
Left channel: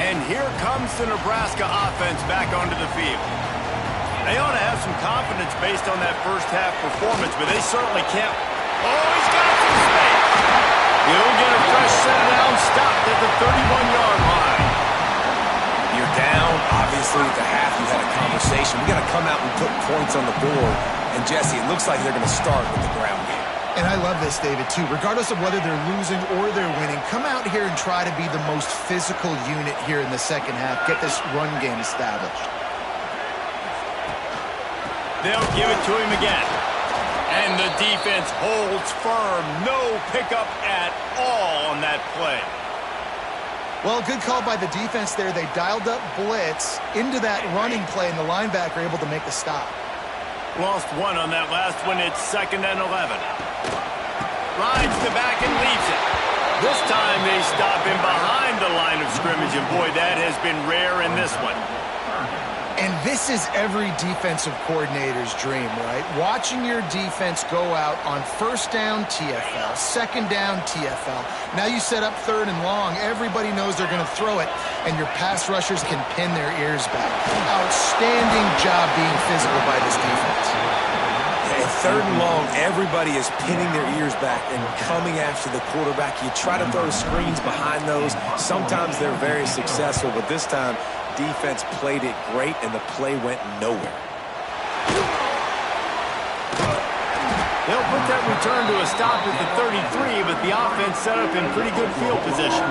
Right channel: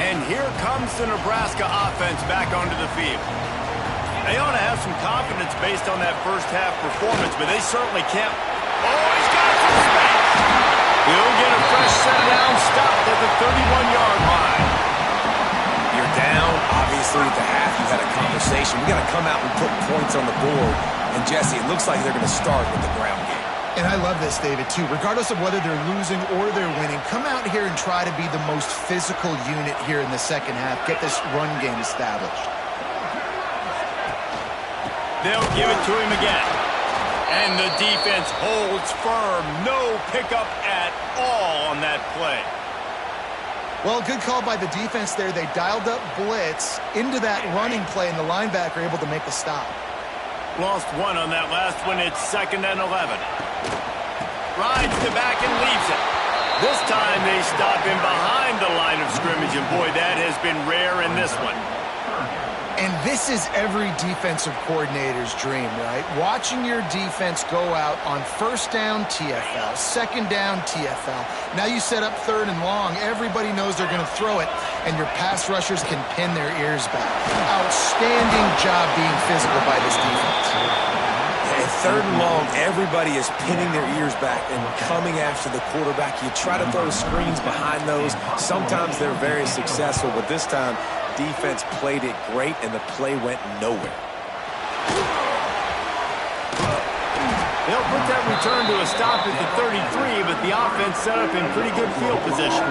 And here comes the Nebraska offense back onto the field. They ought to have some confidence based on that first half performance, but they certainly can't. Oh, he's got some space. He'll get a fresh set down, stopped at the 31-yard line. You're down. Obviously, at the half, you had a conversation. We got to come out and put points on the board. And, Jesse, it looks like they're going to start with the ground game. And I love this, David, too. Regardless of whether they're losing or they're winning, come out here and try to be the most physical unit here in the second half. Get this run game established. They'll give it to him again. And the defense holds firm. No pickup at all on that play. Well, good call by the defense there. They dialed up blitz into that running play, and the linebacker able to make the stop. Lost one on that last one. It's 2nd and 11. Rides the back and leaves it. This time they stop him behind the line of scrimmage, and boy, that has been rare in this one. And this is every defensive coordinator's dream, right? Watching your defense go out on first down, TFL, second down, TFL. Now you set up 3rd and long. Everybody knows they're going to throw it, and your pass rushers can pin their ears back. Outstanding job being physical by this defense. Yeah, 3rd and long, everybody is pinning their ears back and coming after the quarterback. You try to throw screens behind those. Sometimes they're very successful, but this time, defense played it great, and the play went nowhere. They'll put that return to a stop at the 33, but the offense set up in pretty good field position.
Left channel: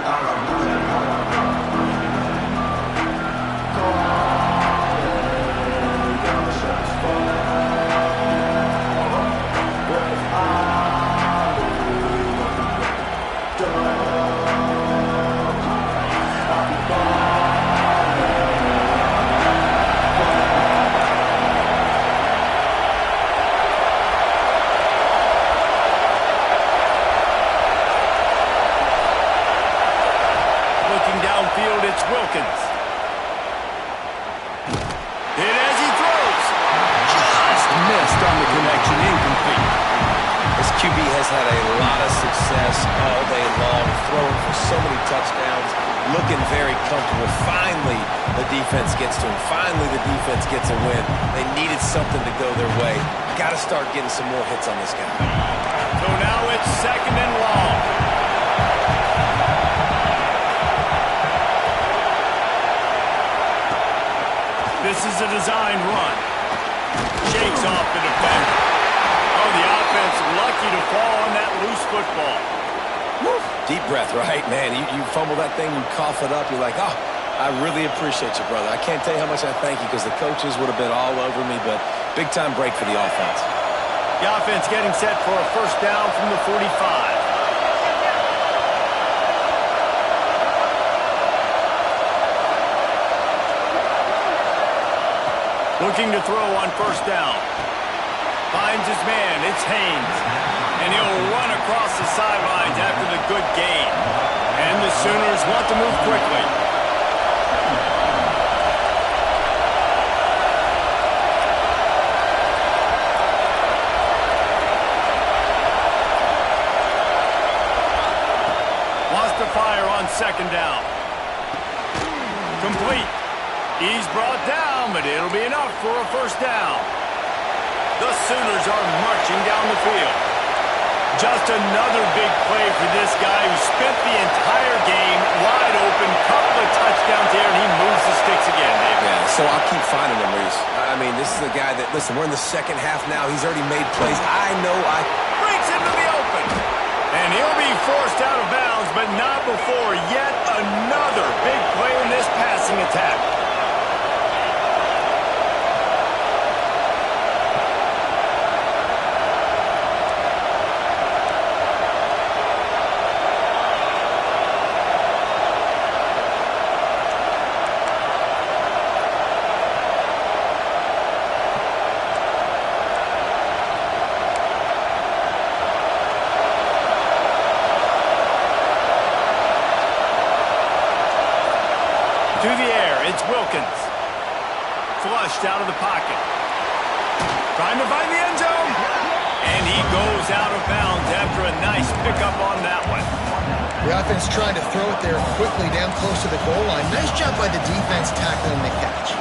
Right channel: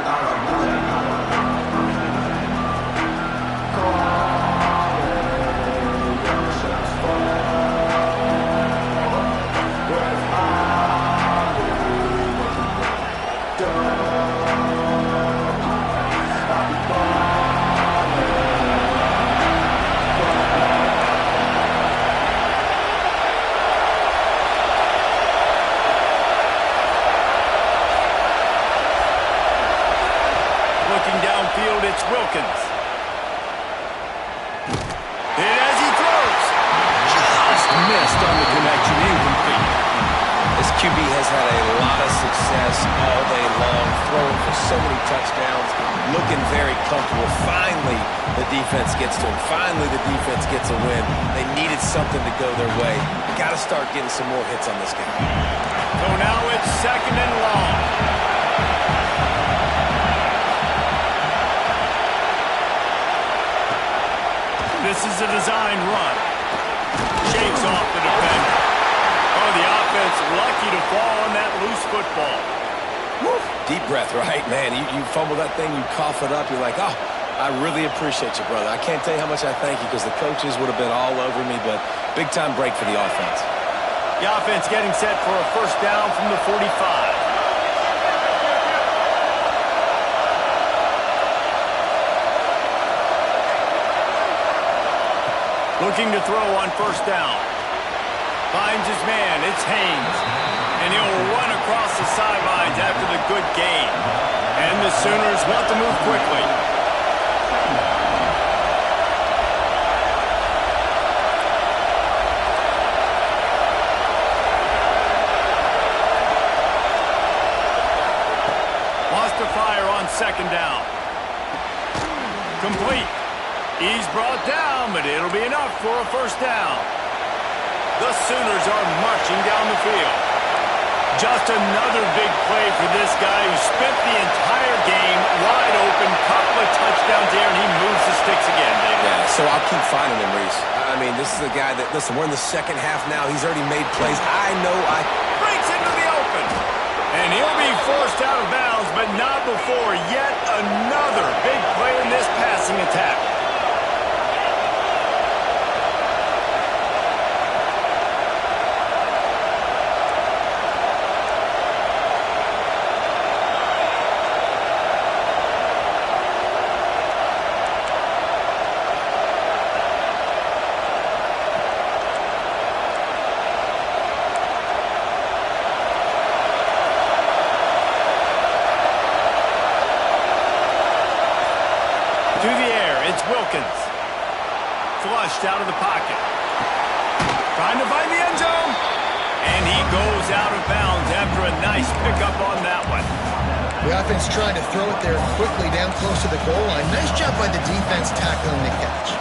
Downfield, it's Wilkins. Hit as he throws. Just missed on the connection, incomplete. This QB has had a lot of success all day long, throwing for so many touchdowns, looking very comfortable. Finally, the defense gets to him. Finally, the defense gets a win. They needed something to go their way. Got to start getting some more hits on this guy. So now it's 2nd and long. This is a design run. Shakes off the defender. Oh, the offense lucky to fall on that loose football. Woo. Deep breath, right? Man, you fumble that thing, you cough it up, you're like, oh, I really appreciate you, brother. I can't tell you how much I thank you because the coaches would have been all over me, but big-time break for the offense. The offense getting set for a first down from the 45. Looking to throw on first down. Finds his man. It's Haynes. And he'll run across the sidelines after the good gain. And the Sooners want to move quickly. Wants to fire on 2nd down. Complete. He's brought down, but it'll be enough for a first down. The Sooners are marching down the field. Just another big play for this guy who spent the entire game wide open, couple of touchdowns there, and he moves the sticks again, David. Yeah, so I'll keep finding him, Reese. I mean, this is a guy that, listen, we're in the second half now. He's already made plays. I know breaks into the open. And he'll be forced out of bounds, but not before yet another big play in this passing attack. To the air, it's Wilkins. Flushed out of the pocket. Trying to find the end zone. And he goes out of bounds after a nice pickup on that one. The offense trying to throw it there quickly down close to the goal line. Nice job by the defense tackling the catch.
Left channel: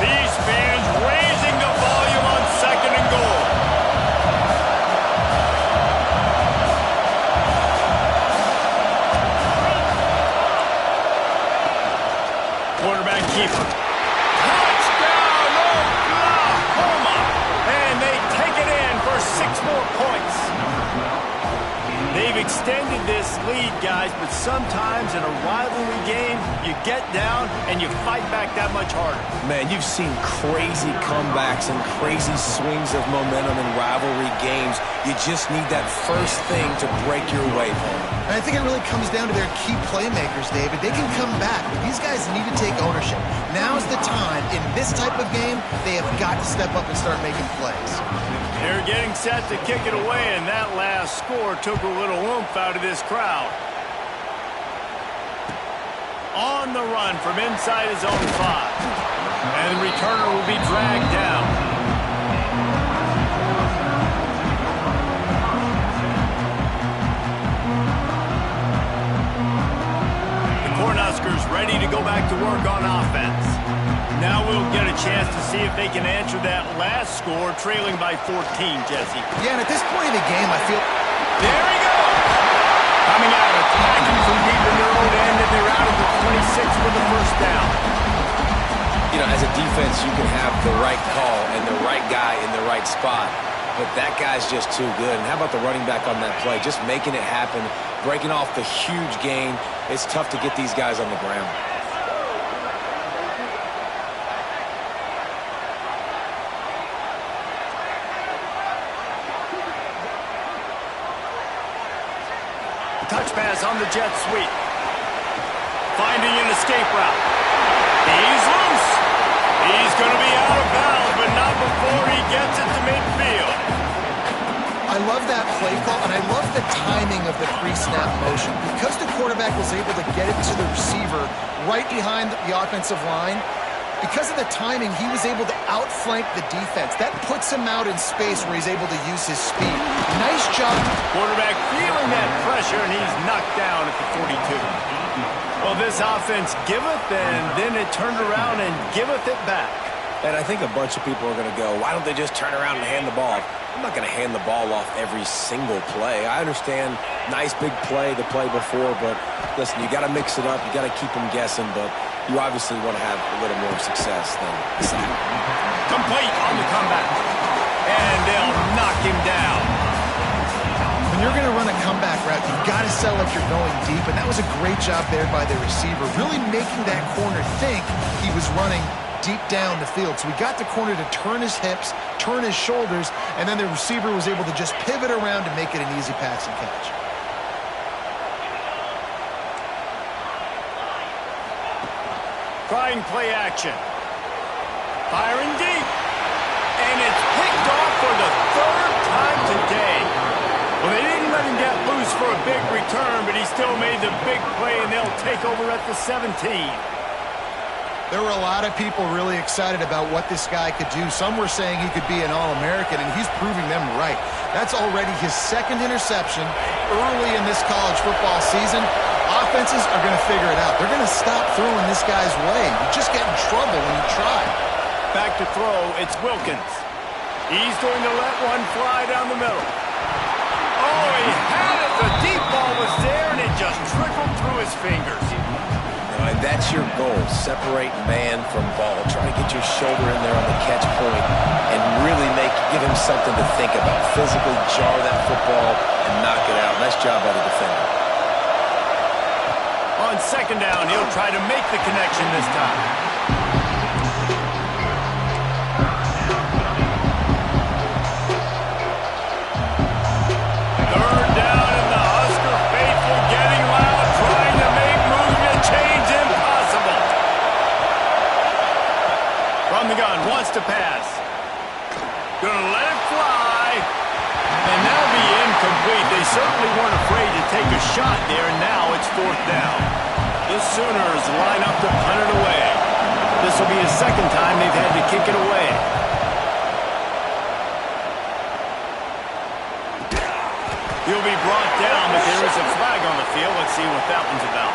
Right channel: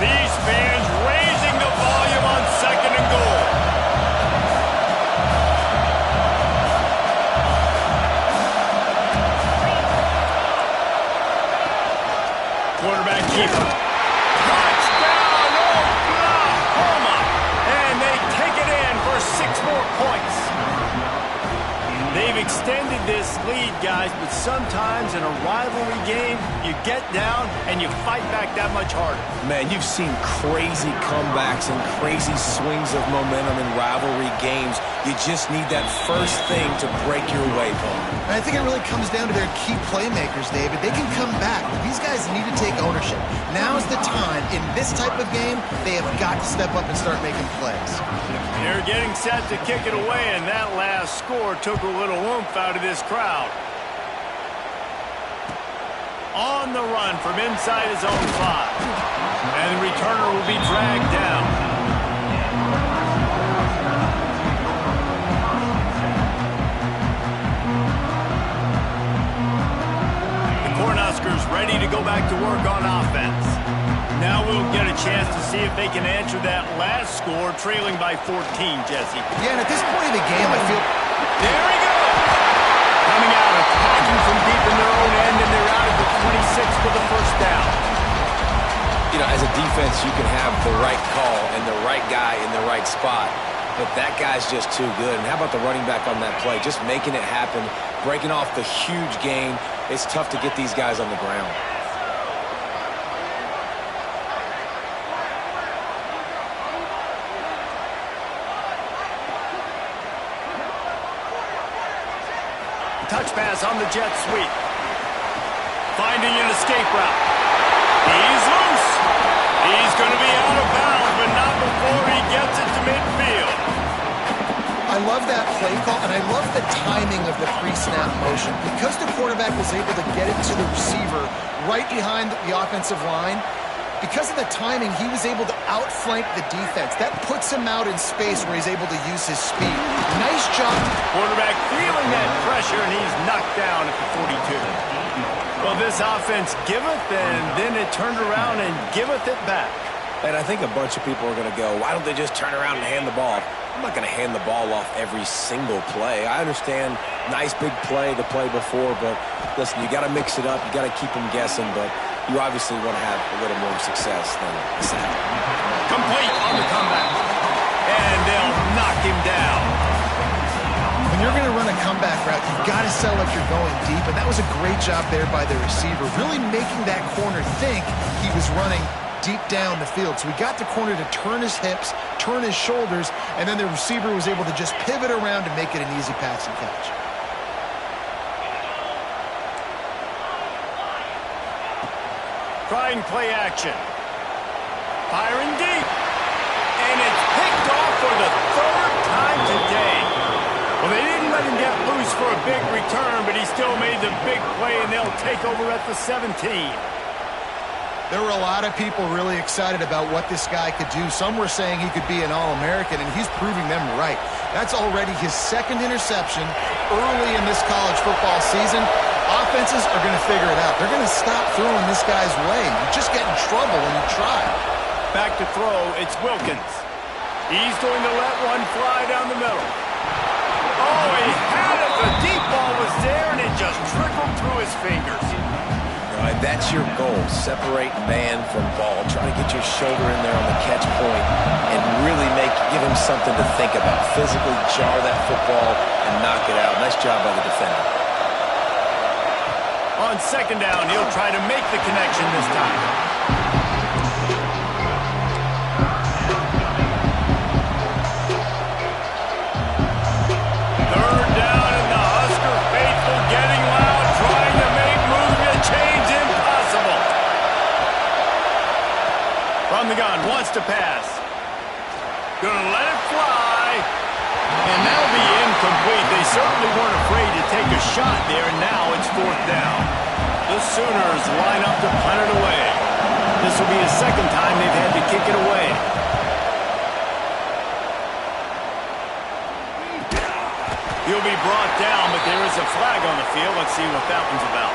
These fans raising the volume on 2nd and goal. Quarterback keeper. Touchdown, Oklahoma! And they take it in for 6 more points. They've extended this lead, guys, but sometimes in a rivalry game, you get down and you fight back that much harder. Man, you've seen crazy comebacks and crazy swings of momentum in rivalry games. You just need that first thing to break your way, Paul. And I think it really comes down to their key playmakers, David. They can come back, but these guys need to take ownership. Now's the time. In this type of game, they have got to step up and start making plays. They're getting set to kick it away, and that last score took a little oomph out of this crowd. On the run from inside his own 5. And the returner will be dragged down. Cornhuskers ready to go back to work on offense. Now we'll get a chance to see if they can answer that last score, trailing by 14, Jesse. Yeah, and at this point in the game, I feel... There he goes! Coming out, attacking from deep in their own end, and they're out at the 26 for the first down. You know, as a defense, you can have the right call and the right guy in the right spot, but that guy's just too good. And how about the running back on that play? Just making it happen, breaking off the huge gain. It's tough to get these guys on the ground. Touch pass on the jet sweep. Finding an escape route. He's loose. He's going to be out of bounds, but not before he gets it to midfield. I love that play call, and I love the timing of the pre-snap motion. Because the quarterback was able to get it to the receiver right behind the offensive line, because of the timing, he was able to outflank the defense. That puts him out in space where he's able to use his speed. Nice job. Quarterback feeling that pressure, and he's knocked down at the 42. Well, this offense giveth, and then it turned around and giveth it back. And I think a bunch of people are going to go, why don't they just turn around and hand the ball off? I'm not going to hand the ball off every single play. I understand nice big play the play before, but listen, you got to mix it up. You got to keep them guessing, but you obviously want to have a little more success than a sack. Complete on the comeback. And they'll knock him down. When you're going to run a comeback route, you've got to sell like you're going deep, and that was a great job there by the receiver, really making that corner think he was running deep down the field. So we got the corner to turn his hips, turn his shoulders, and then the receiver was able to just pivot around to make it an easy pass and catch. Trying play action. Firing deep. And it's picked off for the 3rd time today. Well, they didn't let him get loose for a big return, but he still made the big play, and they'll take over at the 17. There were a lot of people really excited about what this guy could do. Some were saying he could be an All-American, and he's proving them right. That's already his 2nd interception early in this college football season. Offenses are going to figure it out. They're going to stop throwing this guy's way. You just get in trouble when you try. Back to throw, it's Wilkins. He's going to let one fly down the middle. Oh, he had it. The deep ball was there, and it just trickled through his fingers. And that's your goal. Separate man from ball. Try to get your shoulder in there on the catch point and really give him something to think about. Physically jar that football and knock it out. Nice job by the defender. On 2nd down, he'll try to make the connection this time. From the gun, wants to pass. Gonna let it fly. And that'll be incomplete. They certainly weren't afraid to take a shot there, and now it's 4th down. The Sooners line up to punt it away. This will be the second time they've had to kick it away. He'll be brought down, but there is a flag on the field. Let's see what that one's about.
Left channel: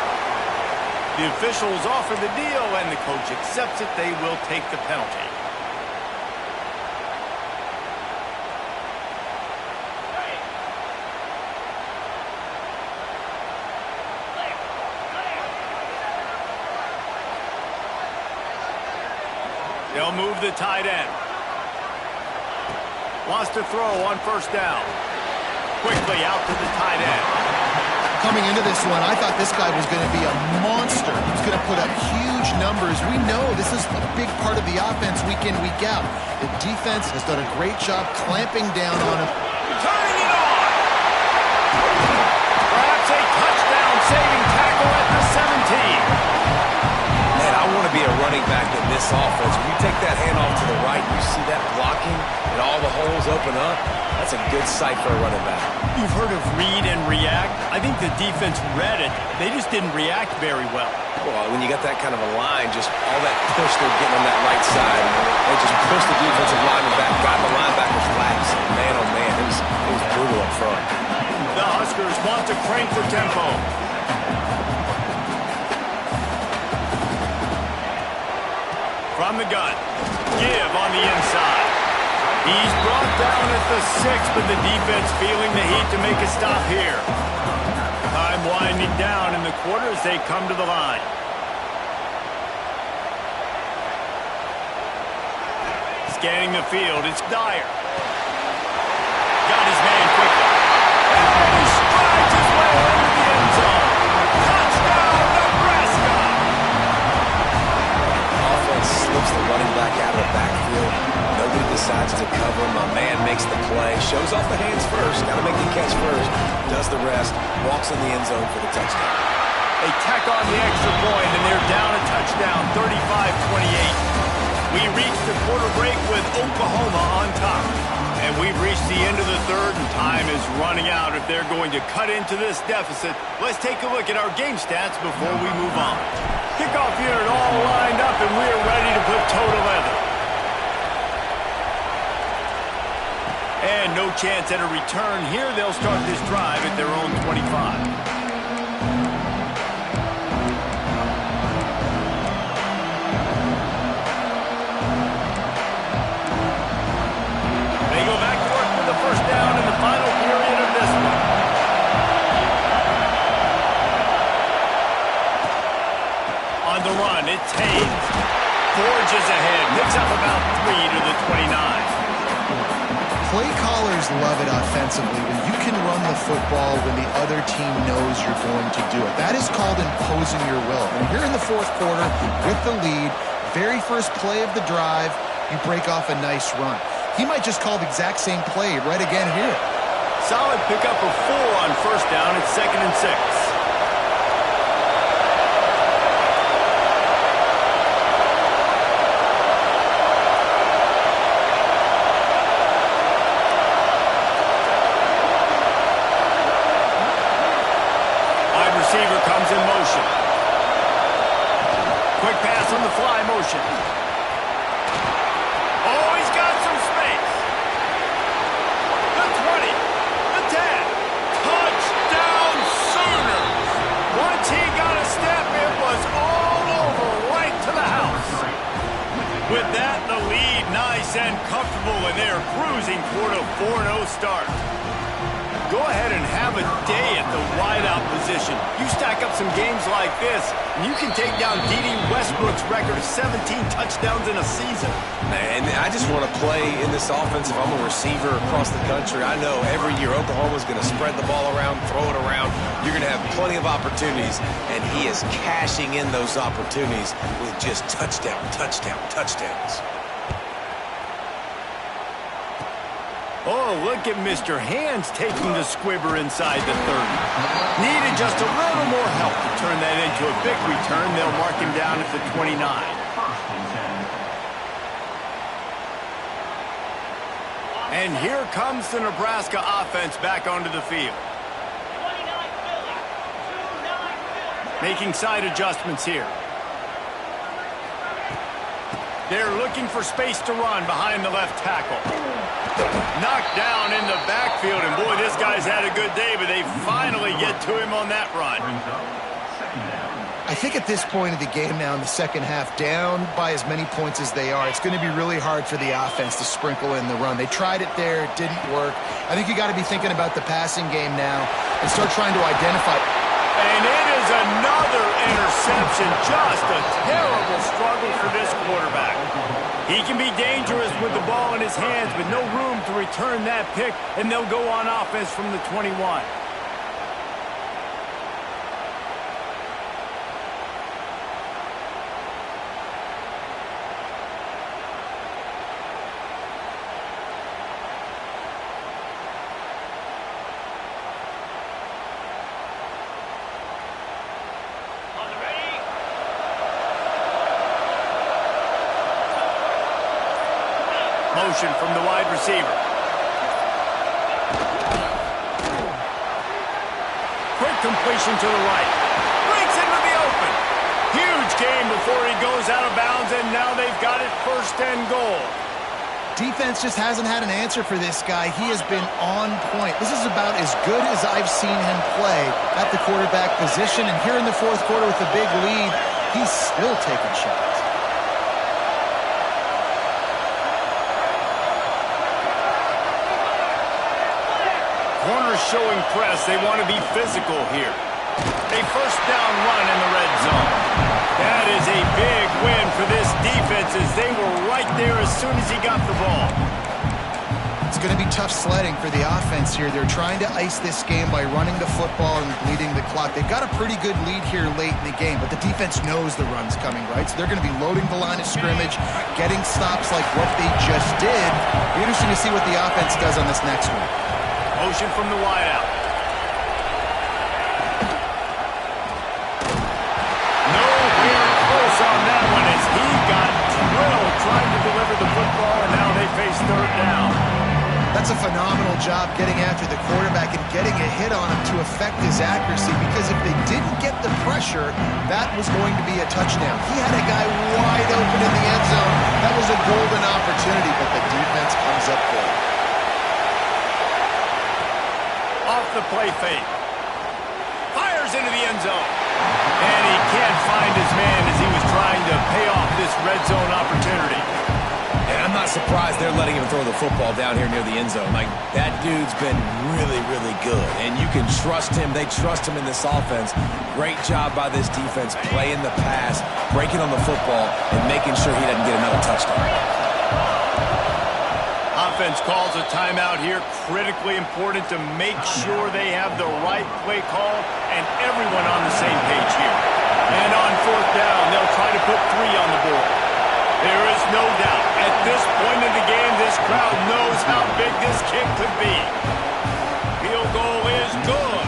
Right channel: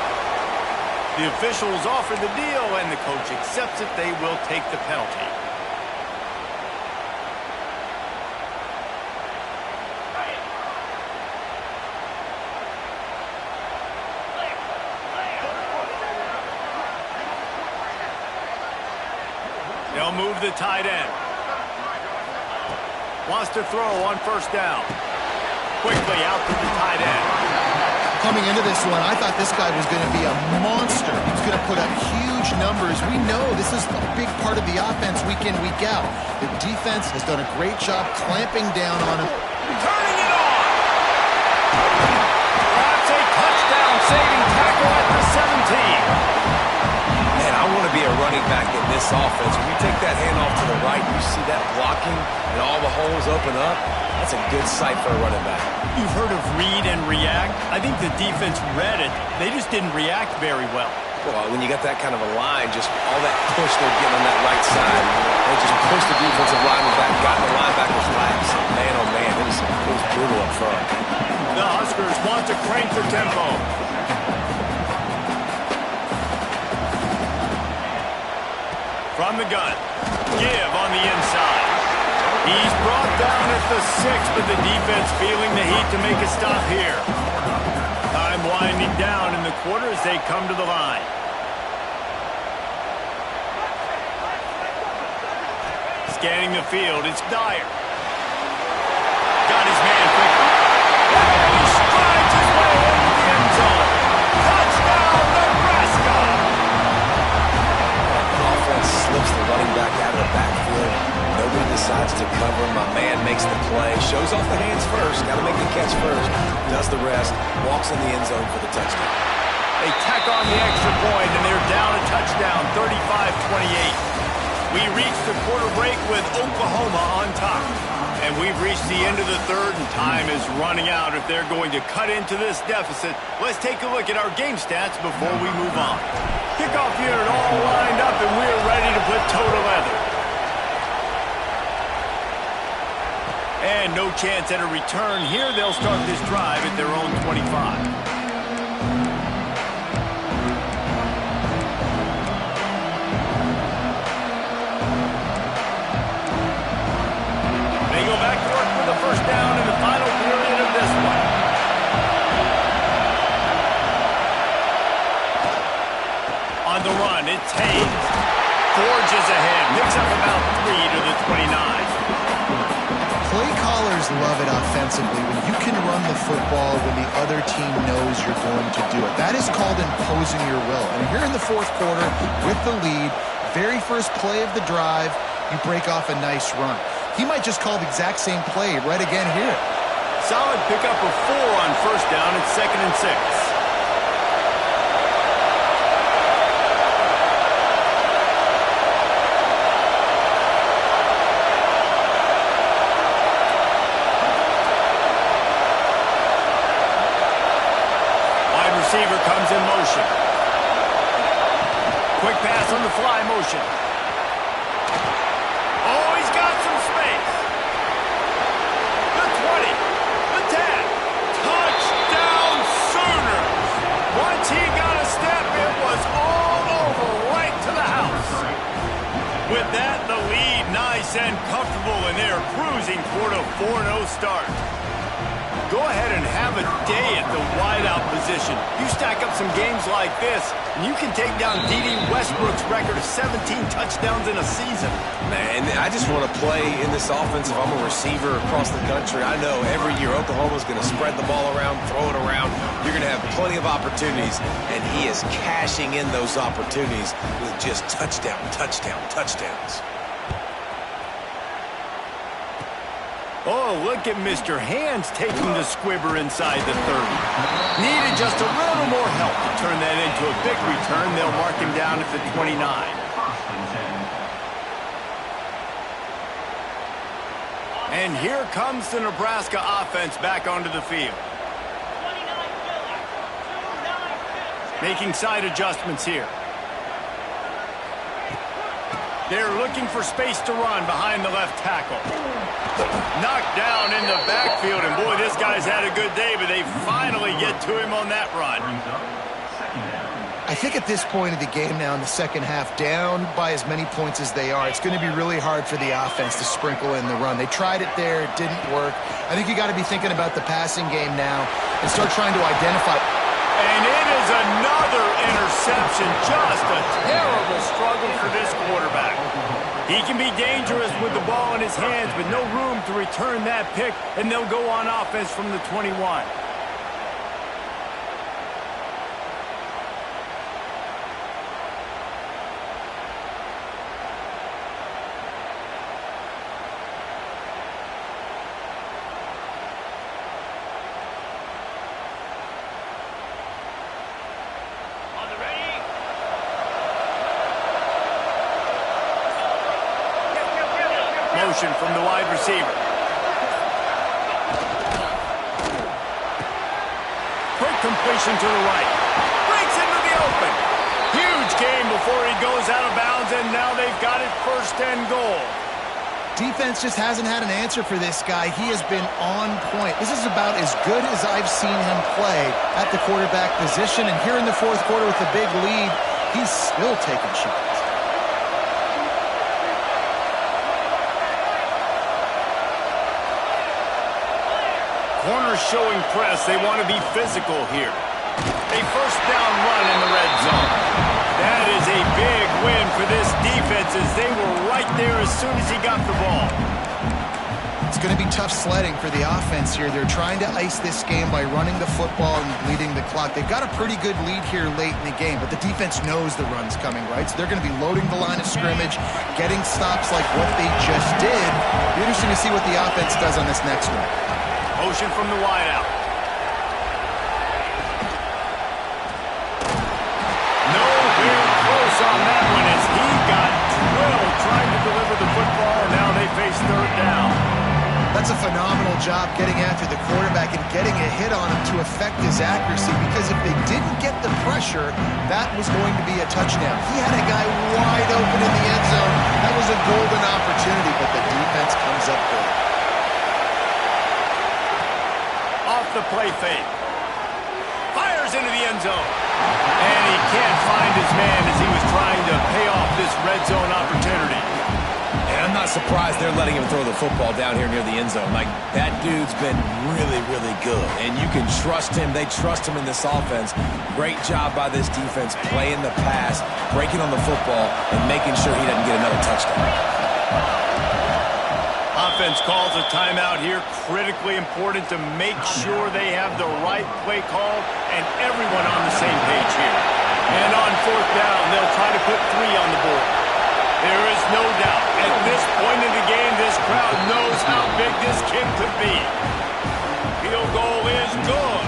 The officials offer the deal, and the coach accepts it. They will take the penalty. They'll move the tight end. Wants to throw on 1st down. Quickly out to the tight end. Coming into this one, I thought this guy was going to be a monster. He was going to put up huge numbers. We know this is a big part of the offense week in, week out. The defense has done a great job clamping down on him. Turning it on! Perhaps a touchdown-saving tackle at the 17. Man, I want to be a running back in this offense. When you take that handoff to the right, you see that blocking and all the holes open up. That's a good sight for a running back. You've heard of read and react. I think the defense read it. They just didn't react very well. Well, when you got that kind of a line, just all that push they're getting on that right side, they just pushed the defensive lineman back, got the linebackers lax. Man, oh man, it was brutal up front. The Huskers want to crank the tempo. From the gun, give on the inside. He's brought down at the 6, but the defense feeling the heat to make a stop here. Time winding down in the quarter as they come to the line. Scanning the field, it's Dyer. Got his man quickly. And he strides his way into the end zone. Touchdown, Nebraska! Offense slips the running back out of the backfield. Nobody decides to cover him. My man makes the play. Shows off the hands first. Got to make the catch first. Does the rest. Walks in the end zone for the touchdown. They tack on the extra point, and they're down a touchdown, 35-28. We reached the quarter break with Oklahoma on top. And we've reached the end of the third, and time is running out if they're going to cut into this deficit. Let's take a look at our game stats before we move on. Kickoff unit all lined up, and we're ready to put toe to leather. And no chance at a return here. They'll start this drive at their own 25. They go back to work with the 1st down in the final period of this one. On the run, it's Hayes. Forges ahead, picks up about 3 to the 29. Play callers love it offensively when you can run the football when the other team knows you're going to do it. That is called imposing your will. And here in the 4th quarter with the lead, very first play of the drive, you break off a nice run. He might just call the exact same play right again here. Solid pickup of 4 on 1st down. It's 2nd and 6. Wide receiver comes in motion. Quick pass on the fly motion. Oh, he's got some space. The 20, the 10. Touchdown Sooners. Once he got a step, it was all over right to the house. With that, the lead nice and comfortable, and they're cruising toward a 4-0 start. Go ahead and have a day at the wideout position. You stack up some games like this, and you can take down D.D. Westbrook's record of 17 touchdowns in a season. Man, I just want to play in this offense if I'm a receiver across the country. I know every year Oklahoma's going to spread the ball around, throw it around. You're going to have plenty of opportunities, and he is cashing in those opportunities with just touchdown, touchdown, touchdowns. Oh, look at Mr. Hands taking the squibber inside the 30. Needed just a little more help to turn that into a big return. They'll mark him down at the 29. And here comes the Nebraska offense back onto the field. Making side adjustments here. They're looking for space to run behind the left tackle. Knocked down in the backfield, and boy, this guy's had a good day, but they finally get to him on that run. I think at this point of the game now in the second half, down by as many points as they are, it's going to be really hard for the offense to sprinkle in the run. They tried it there. It didn't work. I think you got to be thinking about the passing game now and start trying to identify. And it is another interception. Just a terrible struggle for this quarterback. He can be dangerous with the ball in his hands, but no room to return that pick, and they'll go on offense from the 21. Motion from the wide receiver. Quick completion to the right. Breaks into the open. Huge gain before he goes out of bounds, and now they've got it 1st and goal. Defense just hasn't had an answer for this guy. He has been on point. This is about as good as I've seen him play at the quarterback position, and here in the 4th quarter with a big lead, he's still taking shots. Corners showing press. They want to be physical here. A 1st down run in the red zone. That is a big win for this defense as they were right there as soon as he got the ball. It's going to be tough sledding for the offense here. They're trying to ice this game by running the football and bleeding the clock. They've got a pretty good lead here late in the game, but the defense knows the run's coming, right? So they're going to be loading the line of scrimmage, getting stops like what they just did. Be interesting to see what the offense does on this next one. Motion from the wideout. Nowhere close on that one as he got drilled trying to deliver the football, and now they face 3rd down. That's a phenomenal job getting after the quarterback and getting a hit on him to affect his accuracy, because if they didn't get the pressure, that was going to be a touchdown. He had a guy wide open in the end zone. That was a golden opportunity, but the defense comes up big. Off the play fake. Fires into the end zone. And he can't find his man as he was trying to pay off this red zone opportunity. And I'm not surprised they're letting him throw the football down here near the end zone. Like, that dude's been really, really good. And you can trust him. They trust him in this offense. Great job by this defense playing the pass, breaking on the football, and making sure he doesn't get another touchdown. Offense calls a timeout here. Critically important to make sure they have the right play called and everyone on the same page here. And on 4th down, they'll try to put 3 on the board. There is no doubt, at this point in the game, this crowd knows how big this kick could be. Field goal is good.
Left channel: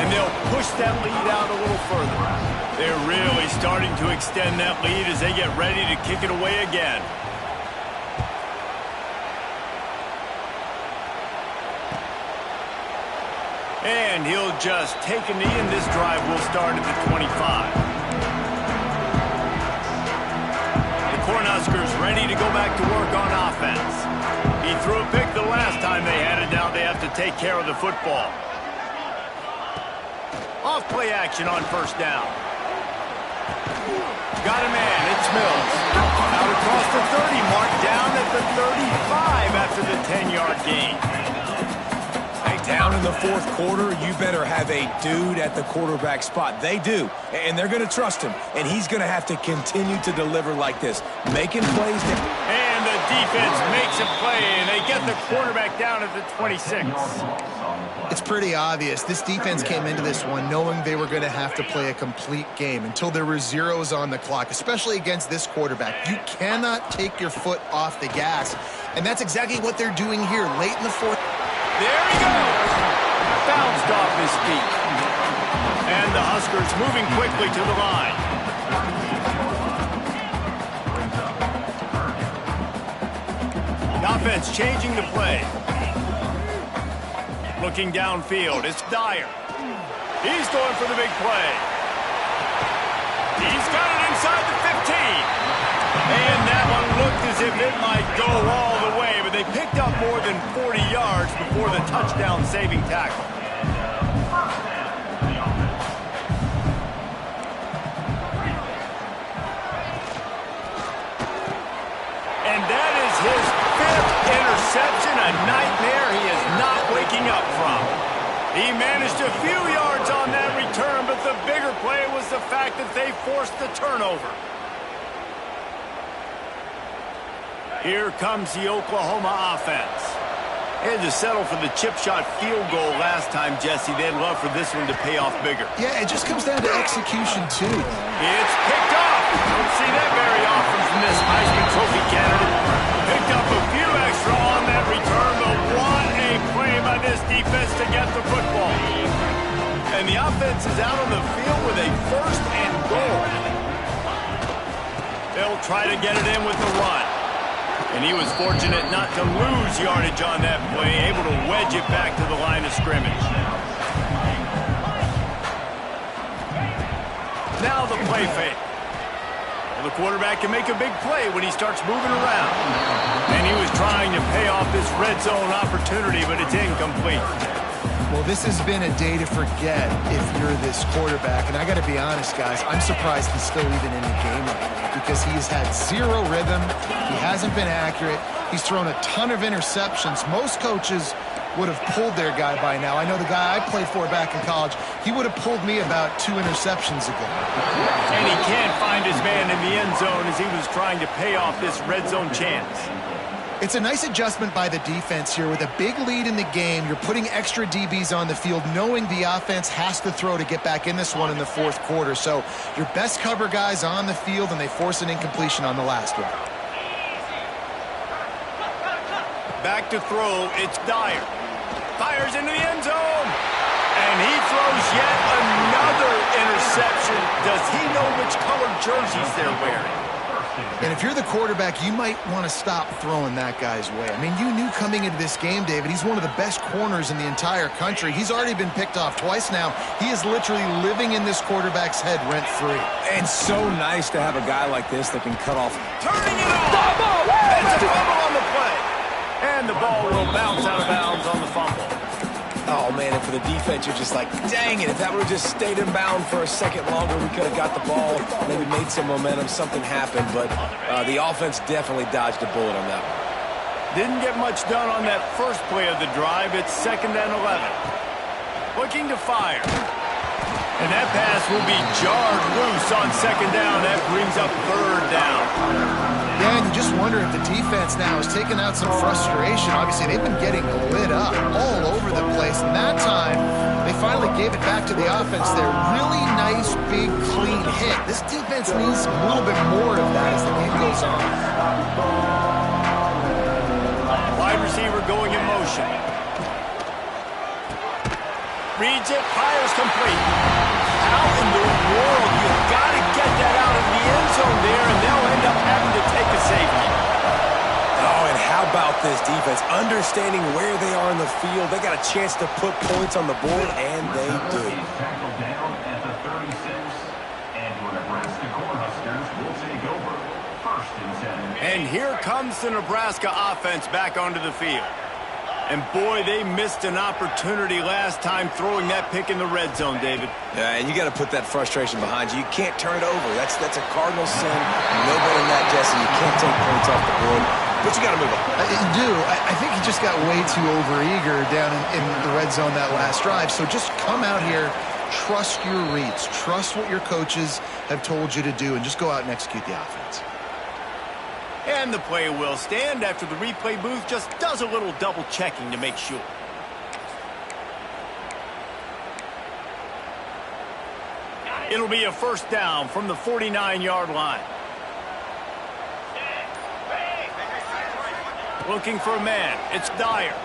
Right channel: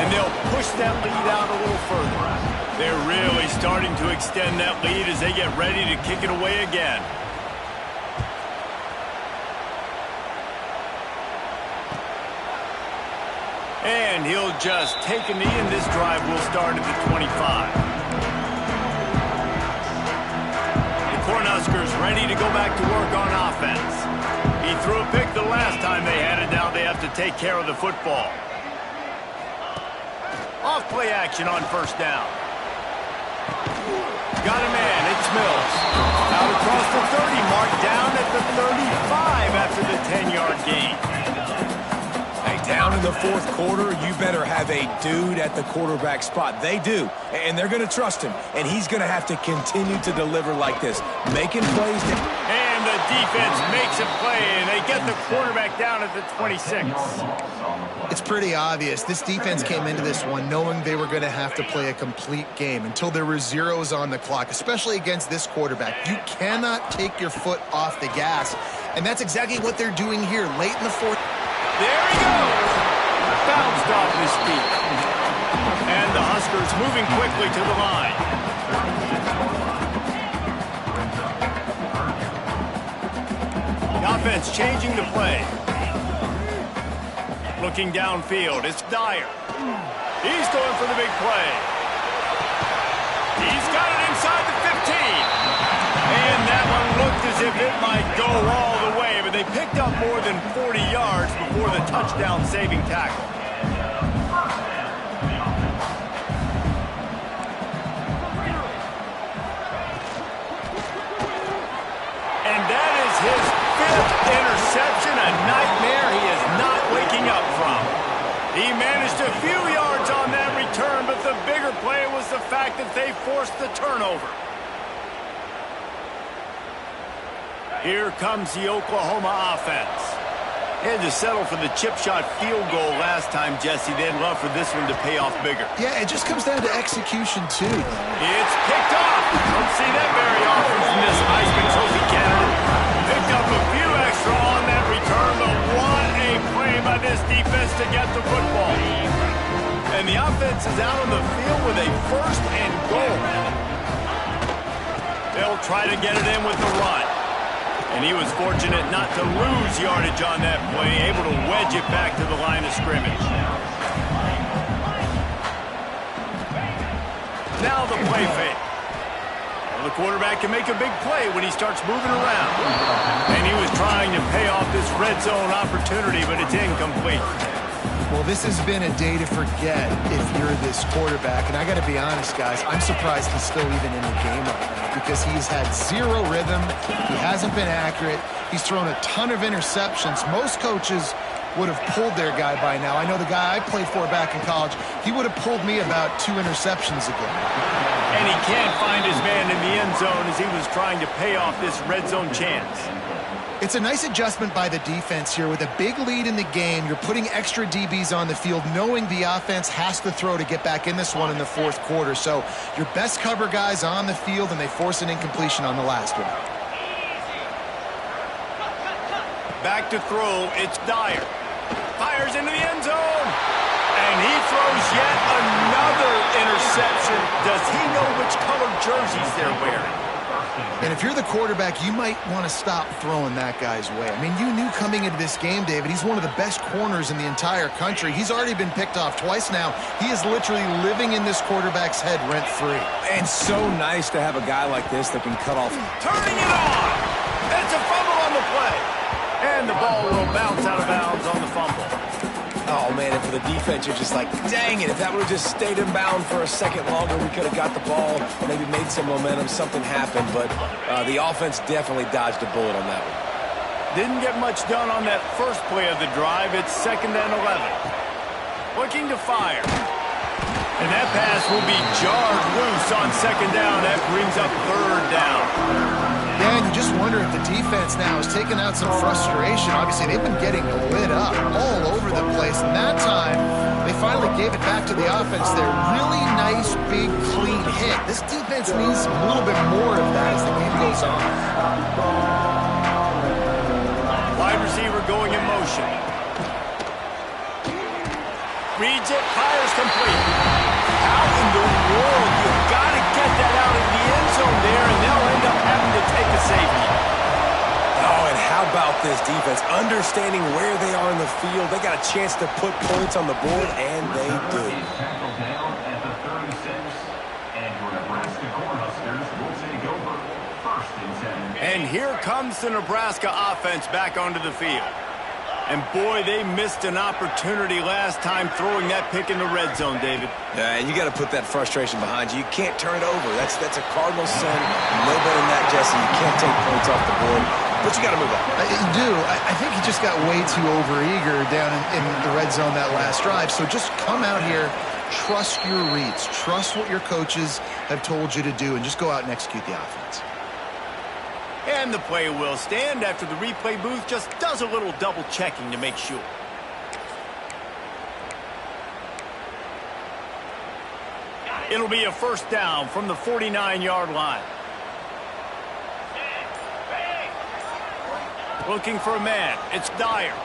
And they'll push that lead out a little further. They're really starting to extend that lead as they get ready to kick it away again. And he'll just take a knee, and this drive will start at the 25. The Cornhuskers ready to go back to work on offense. He threw a pick the last time they had it. Now they have to take care of the football. Off play action on 1st down. Got a man. It's Mills. Out across the 30 mark, down at the 35 after the 10-yard gain. Down in the 4th quarter, you better have a dude at the quarterback spot. They do, and they're going to trust him, and he's going to have to continue to deliver like this, making plays. And the defense makes a play, and they get the quarterback down at the 26. It's pretty obvious. This defense came into this one knowing they were going to have to play a complete game until there were zeros on the clock, especially against this quarterback. You cannot take your foot off the gas, and that's exactly what they're doing here late in the 4th. There he goes. Bounced off his feet. And the Huskers moving quickly to the line. Offense changing the play. Looking downfield, it's Dyer. He's going for the big play. He's got it inside the 15. And that one looked as if it might go all the way, but they picked up more than 40 yards before the touchdown-saving tackle. And that is his 5th interception, a nightmare he is not waking up from. He managed a few yards on that return, but the bigger play was the fact that they forced the turnover. Here comes the Oklahoma offense. They had to settle for the chip shot field goal last time, Jesse. They'd love for this one to pay off bigger. Yeah, it just comes down to execution, too. It's picked off. Don't see that very often from this Heisman Trophy candidate. Picked up a few extra on that return, but what a play by this defense to get the football. And the offense is out on the field with a 1st and goal. They'll try to get it in with the run. And he was fortunate not to lose yardage on that play, able to wedge it back to the line of scrimmage. Now the play fake. Well, the quarterback can make a big play when he starts moving around. And he was trying to pay off this red zone opportunity, but it's incomplete. Well, this has been a day to forget if you're this quarterback. And I got to be honest, guys, I'm surprised he's still even in the game right now because he's had 0 rhythm. He hasn't been accurate. He's thrown a ton of interceptions. Most coaches would have pulled their guy by now. I know the guy I played for back in college, he would have pulled me about 2 interceptions ago. And he can't find his man in the end zone as he was trying to pay off this red zone chance. It's a nice adjustment by the defense here. With a big lead in the game, you're putting extra DBs on the field, knowing the offense has to throw to get back in this one in the 4th quarter. So your best cover guys on the field, and they force an incompletion on the last one. Back to throw, it's Dyer. Fires into the end zone. And he throws yet another interception. Does he know which colored jerseys they're wearing? And if you're the quarterback, you might want to stop throwing that guy's way. I mean, you knew coming into this game, David, he's one of the best corners in the entire country. He's already been picked off twice now. He is literally living in this quarterback's head rent-free. And so nice to have a guy like this that can cut off. Turning it on. It's a fumble on the play. And the ball will bounce out of bounds on the fumble. Oh, man, and for the defense, you're just like, dang it, if that would have just stayed in bound for a second longer, we could have got the ball, maybe made some momentum, something happened, but the offense definitely dodged a bullet on that one. Didn't get much done on that first play of the drive. It's 2nd and 11. Looking to fire. And that pass will be jarred loose on 2nd down. That brings up 3rd down. Yeah, and you just wonder if the defense now has taken out some frustration. Obviously, they've been getting lit up all over the place. And that time, they finally gave it back to the offense there. Really nice, big, clean hit. This defense needs a little bit more of that as the game goes on. Wide receiver going in motion. Reads it, fires complete. How in the world? You've got to get that out of the end zone there, and they'll end up having to take a safety. Oh, and how about this defense? Understanding where they are in the field. They got a chance to put points on the board, and they do. Tackled down at the 36, and your Nebraska Cornhuskers will take over 1st and 10. And here comes the Nebraska offense back onto the field. And boy, they missed an opportunity last time throwing that pick in the red zone, David. Yeah, and you got to put that frustration behind you. You can't turn it over. That's a cardinal sin. No better than that, Jesse. You can't take points off the board, but you got to move on. You do. I think he just got way too overeager down in the red zone that last drive. So just come out here, trust your reads, trust what your coaches have told you to do, and just go out and execute the offense. And the play will stand after the replay booth just does a little double checking to make sure. It'll be a 1st down from the 49-yard line. Looking for a man. It's Dyer.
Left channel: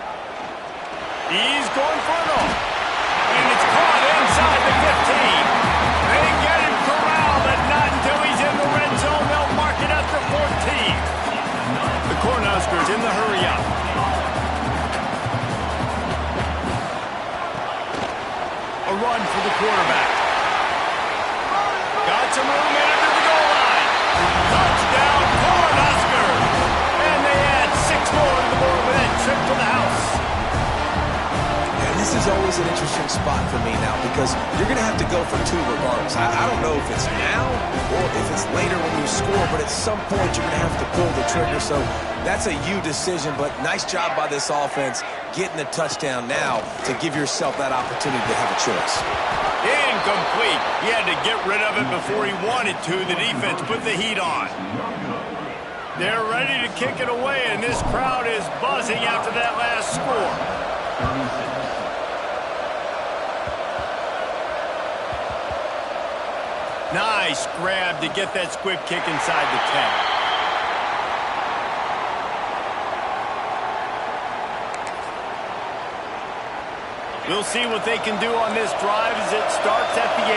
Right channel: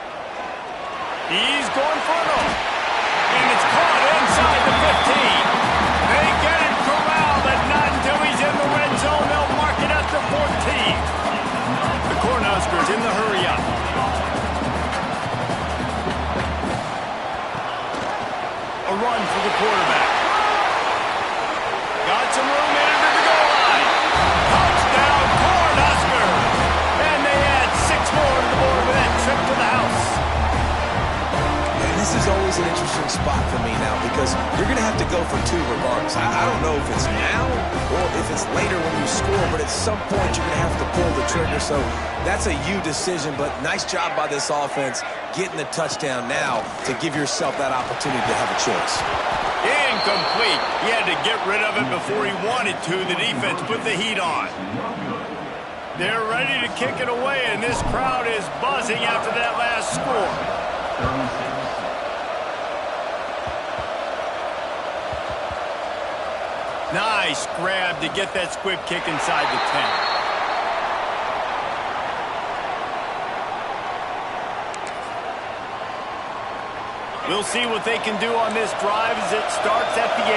He's going for it all. And it's caught inside the 15. They get him corralled, but not until he's in the red zone. They'll mark it at the 14. The Cornhuskers in the hurry-up. A run for the quarterback. Got some room in it to the goal line. Touchdown, Cornhuskers! And they add 6 more to the board with that trip to the house. And this is always an interesting spot for me now because you're going to have to go for 2 regardless. I don't know if it's now or if it's later when you score, but at some point you're going to have to pull the trigger. So that's a you decision, but nice job by this offense getting the touchdown now to give yourself that opportunity to have a choice. Incomplete. He had to get rid of it before he wanted to. The defense put the heat on. They're ready to kick it away, and this crowd is buzzing after that last score. 36. Nice grab to get that squib kick inside the 10. We'll see what they can do on this drive as it starts at the 8.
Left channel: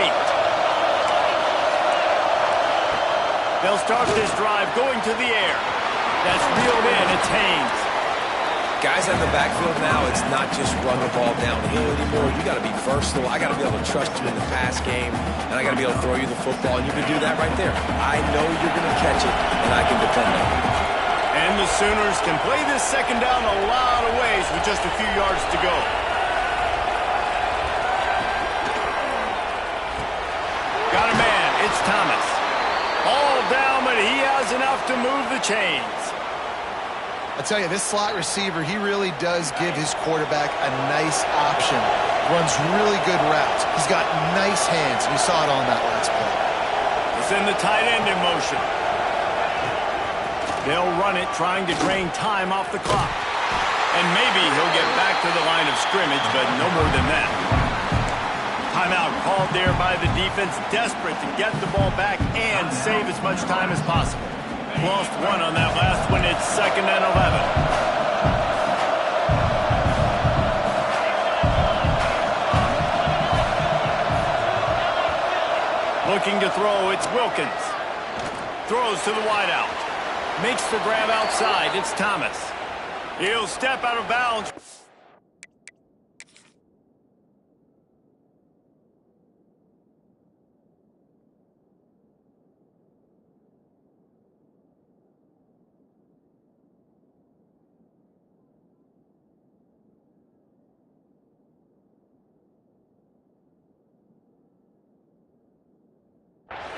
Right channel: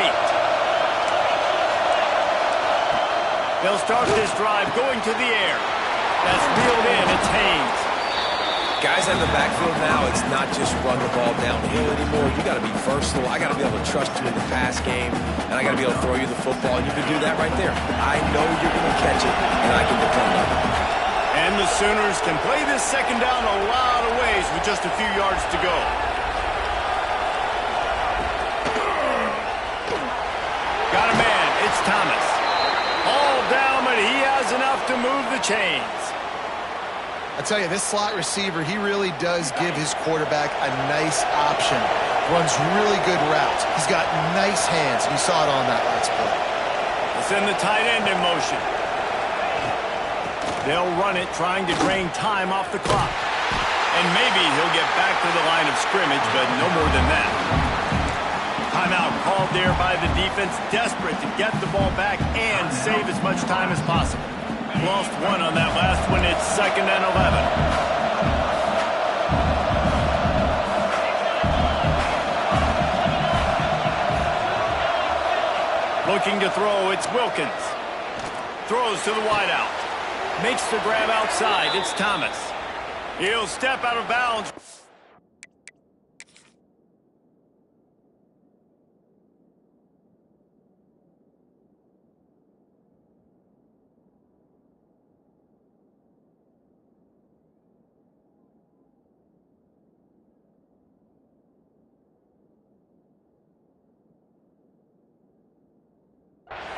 They'll start this drive going to the air. That's reeled in. It's Haynes. Guys in the backfield now, it's not just run the ball downhill anymore. You got to be versatile. I got to be able to trust you in the pass game, and I got to be able to throw you the football, and you can do that right there. I know you're going to catch it, and I can depend on it. And the Sooners can play this second down a lot of ways with just a few yards to go. Got a man. It's Thomas. All down, but he has enough to move the chains. I tell you, this slot receiver, he really does give his quarterback a nice option. Runs really good routes. He's got nice hands. You saw it on that last play. It's in the tight end in motion. They'll run it, trying to drain time off the clock. And maybe he'll get back to the line of scrimmage, but no more than that. Timeout called there by the defense, desperate to get the ball back and save as much time as possible. Lost 1 on that last one. It's 2nd and 11. Looking to throw, it's Wilkins. Throws to the wideout. Makes the grab outside. It's Thomas. He'll step out of bounds.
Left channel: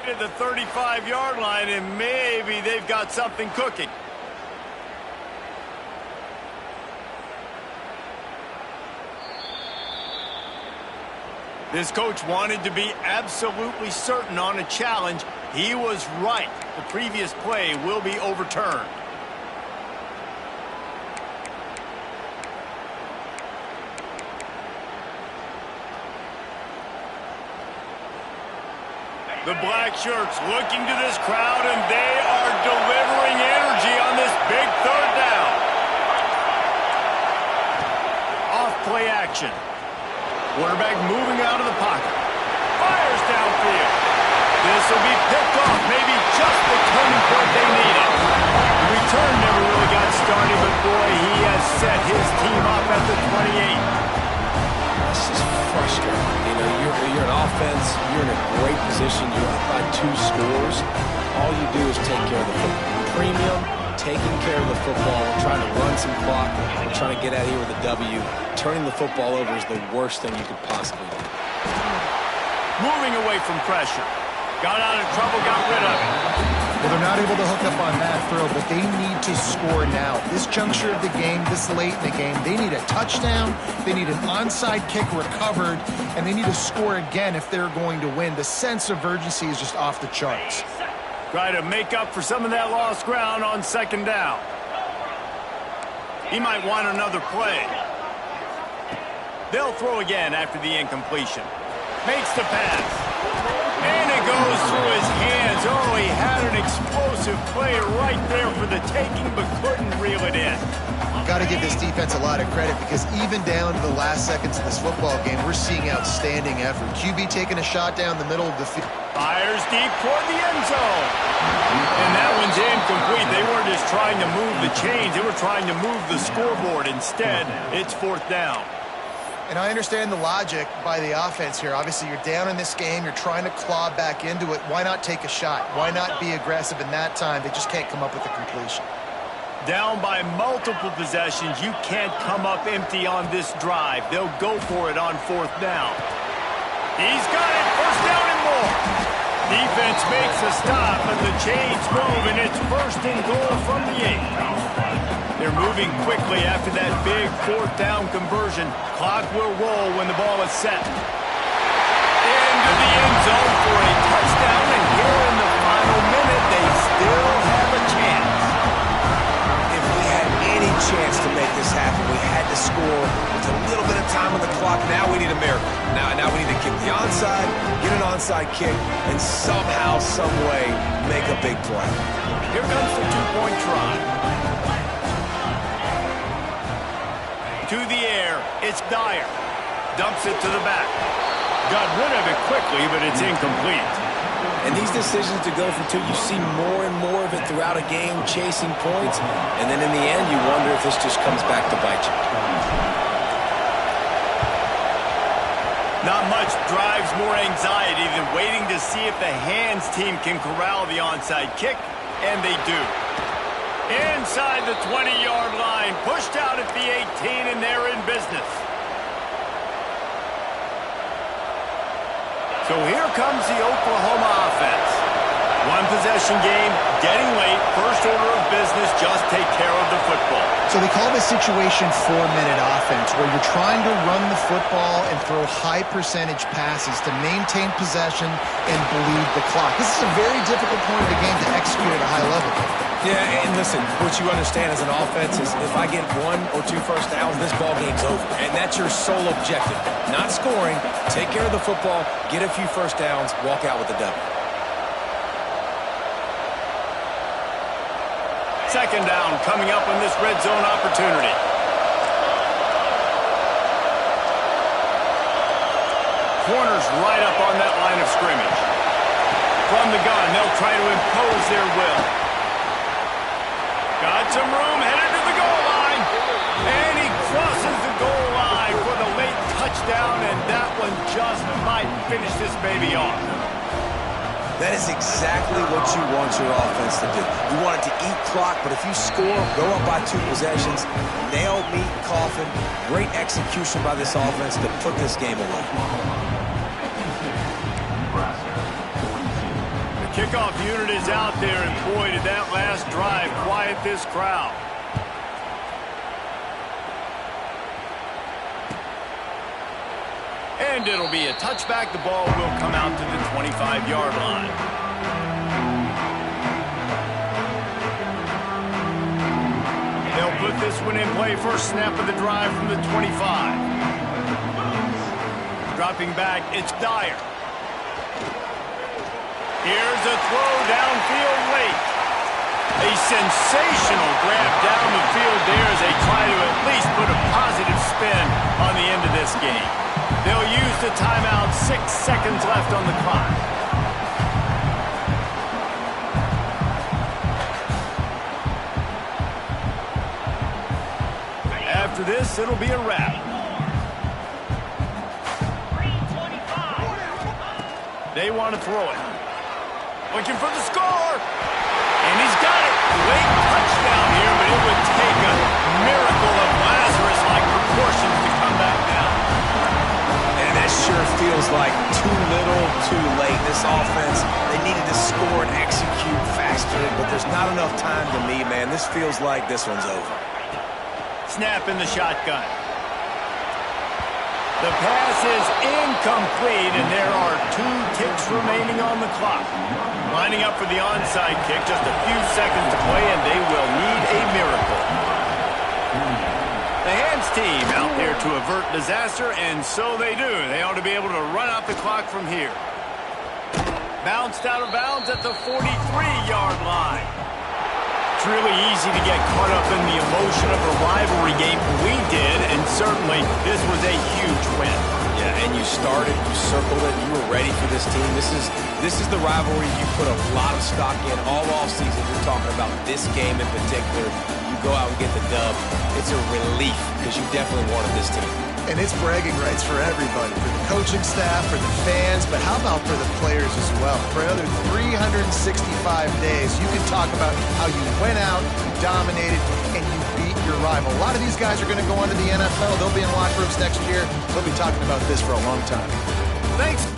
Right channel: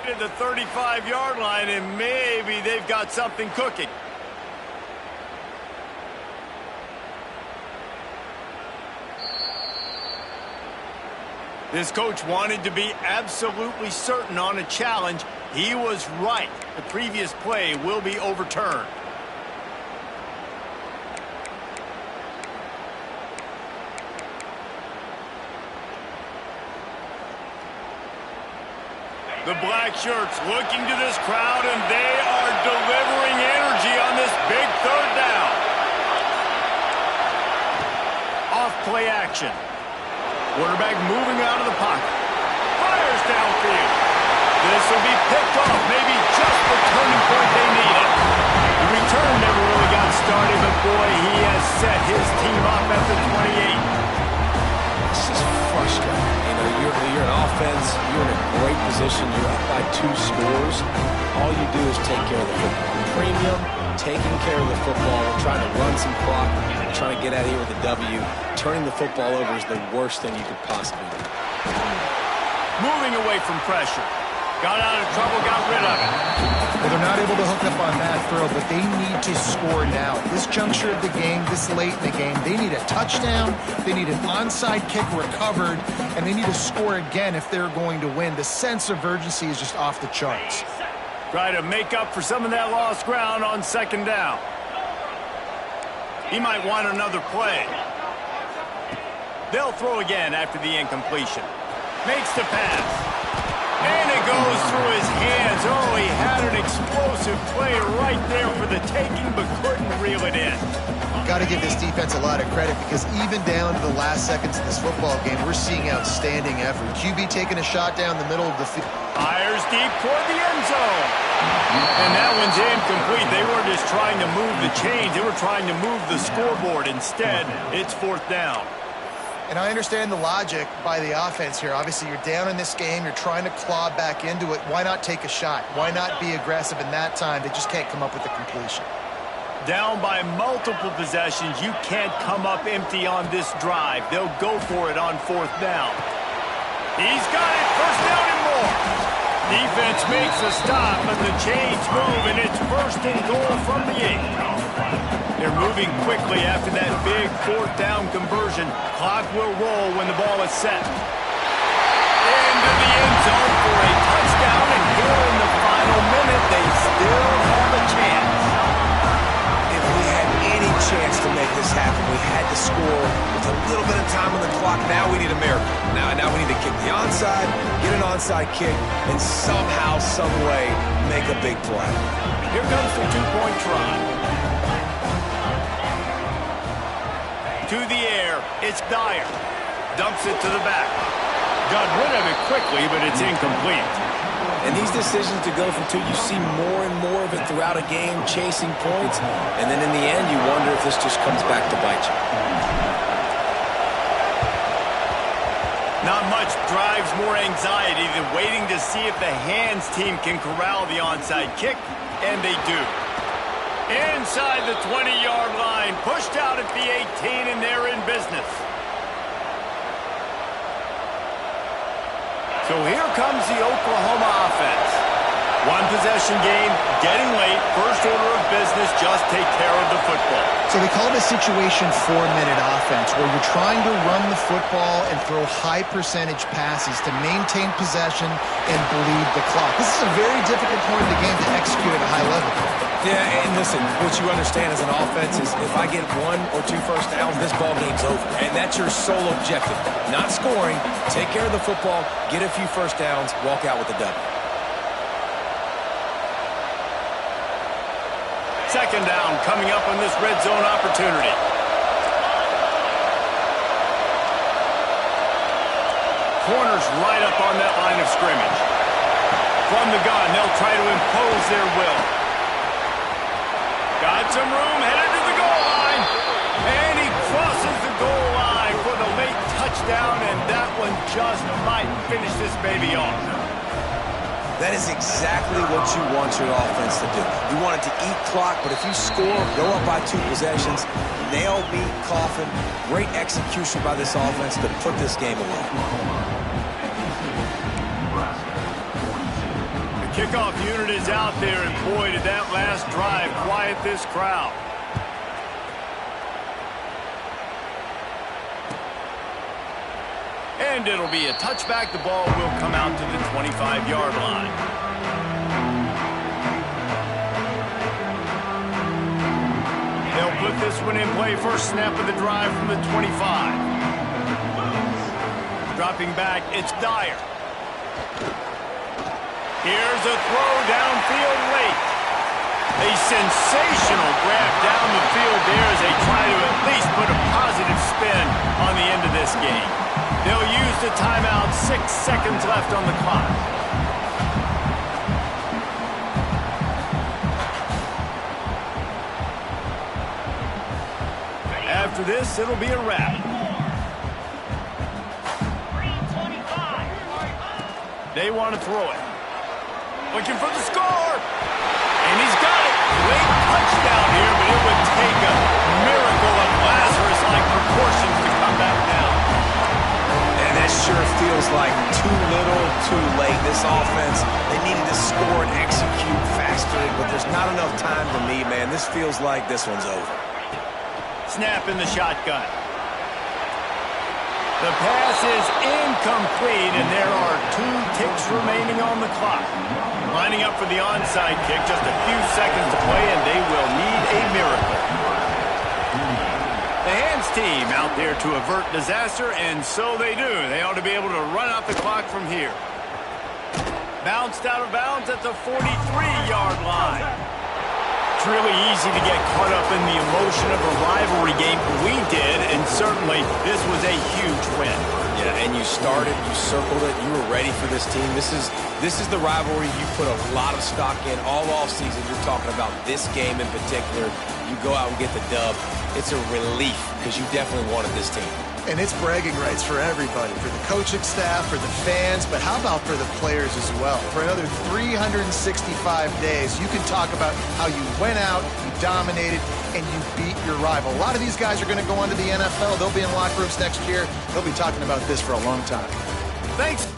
At the 35-yard line, and maybe they've got something cooking. This coach wanted to be absolutely certain on a challenge. He was right. The previous play will be overturned. The black shirts looking to this crowd, and they are delivering energy on this big 3rd down. Off play action. Quarterback moving out of the pocket. Fires downfield. This will be picked off. Maybe just the turning point they needed. The return never really got started, but boy, he has set his team up at the 28. It's just frustrating. You know, you're an offense. You're in a great position. You're up by 2 scores. All you do is take care of the football. Premium, taking care of the football. We're trying to run some clock. We're trying to get out of here with a W. Turning the football over is the worst thing you could possibly do. Moving away from pressure. Got out of trouble, got rid of it. Well, they're not able to hook up on that throw, but they need to score now. This juncture of the game, this late in the game, they need a touchdown, they need an onside kick recovered, and they need to score again if they're going to win. The sense of urgency is just off the charts. Try to make up for some of that lost ground on 2nd down. He might want another play. They'll throw again after the incompletion. Makes the pass. And it goes through his hands. Oh, he had an explosive play right there for the taking, but couldn't reel it in. Got to give this defense a lot of credit because even down to the last seconds of this football game, we're seeing outstanding effort. QB taking a shot down the middle of the field. Fires deep toward the end zone. And that one's incomplete. They weren't just trying to move the chains. They were trying to move the scoreboard. Instead, it's 4th down. And I understand the logic by the offense here. Obviously, you're down in this game. You're trying to claw back into it. Why not take a shot? Why not be aggressive in that time? They just can't come up with a completion. Down by multiple possessions, you can't come up empty on this drive. They'll go for it on 4th down. He's got it, 1st down and more. Defense makes a stop, but the chains move, and it's 1st and goal from the 8. They're moving quickly after that big 4th down conversion. Clock will roll when the ball is set. Into the end zone for a touchdown, and here in the final minute, they still have a chance. If we had any chance to make this happen, we had to score with a little bit of time on the clock. Now we need a miracle. Now we need to kick the onside, get an onside kick, and somehow, some way, make a big play. Here comes the 2-point try. To the air, it's Dyer. Dumps it to the back. Got rid of it quickly, but it's incomplete. And these decisions to go for 2, you see more and more of it throughout a game, chasing points. And then in the end, you wonder if this just comes back to bite you. Not much drives more anxiety than waiting to see if the hands team can corral the onside kick, and they do. Inside the 20-yard line, pushed out at the 18, and they're in business. So here comes the Oklahoma offense. One possession game, getting late, first order of business, just take care of the football. So they call this situation 4-minute offense, where you're trying to run the football and throw high percentage passes to maintain possession and bleed the clock. This is a very difficult point of the game to execute at a high level. Yeah, and listen, what you understand as an offense is if I get 1 or 2 first downs, this ball game's over. And that's your sole objective. Not scoring, take care of the football, get a few first downs, walk out with a W. 2nd down coming up on this red zone opportunity. Corners right up on that line of scrimmage. From the gun, they'll try to impose their will. Got some room, headed to the goal line. And he crosses the goal line for the late touchdown, and that one just might finish this baby off. That is exactly what you want your offense to do. You want it to eat clock, but if you score, go up by 2 possessions, nail, meet, coffin, great execution by this offense to put this game away. The kickoff unit is out there, and boy, did that last drive quiet this crowd. And it'll be a touchback. The ball will come out to the 25-yard line. They'll put this one in play. First snap of the drive from the 25. Dropping back, it's Dyer. Here's a throw downfield late. A sensational grab down the field there as they try to at least put a positive spin on the end of this game. They'll use the timeout, 6 seconds left on the clock. After this, it'll be a wrap. They want to throw it. Looking for the score. And he's got it. Late touchdown here, but it would take a miracle of Lazarus-like proportions to come back down. And that sure feels like too little, too late. This offense, they needed to score and execute faster, but there's not enough time to me, man. This feels like this one's over. Snap in the shotgun. The pass is incomplete, and there are 2 ticks remaining on the clock. Lining up for the onside kick, just a few seconds to play, and they will need a miracle. The hands team out there to avert disaster, and so they do. They ought to be able to run out the clock from here. Bounced out of bounds at the 43-yard line. It's really easy to get caught up in the emotion of a rivalry game. We did, and certainly this was a huge win. Yeah, and you started, you circled it, you were ready for this team. This is the rivalry you put a lot of stock in all offseason. You're talking about this game in particular. You go out and get the dub. It's a relief because you definitely wanted this team. And it's bragging rights for everybody, for the coaching staff, for the fans, but how about for the players as well? For another 365 days, you can talk about how you went out, you dominated, and you beat your rival. A lot of these guys are going to go on to the NFL. They'll be in locker rooms next year. They'll be talking about this for a long time. Thanks.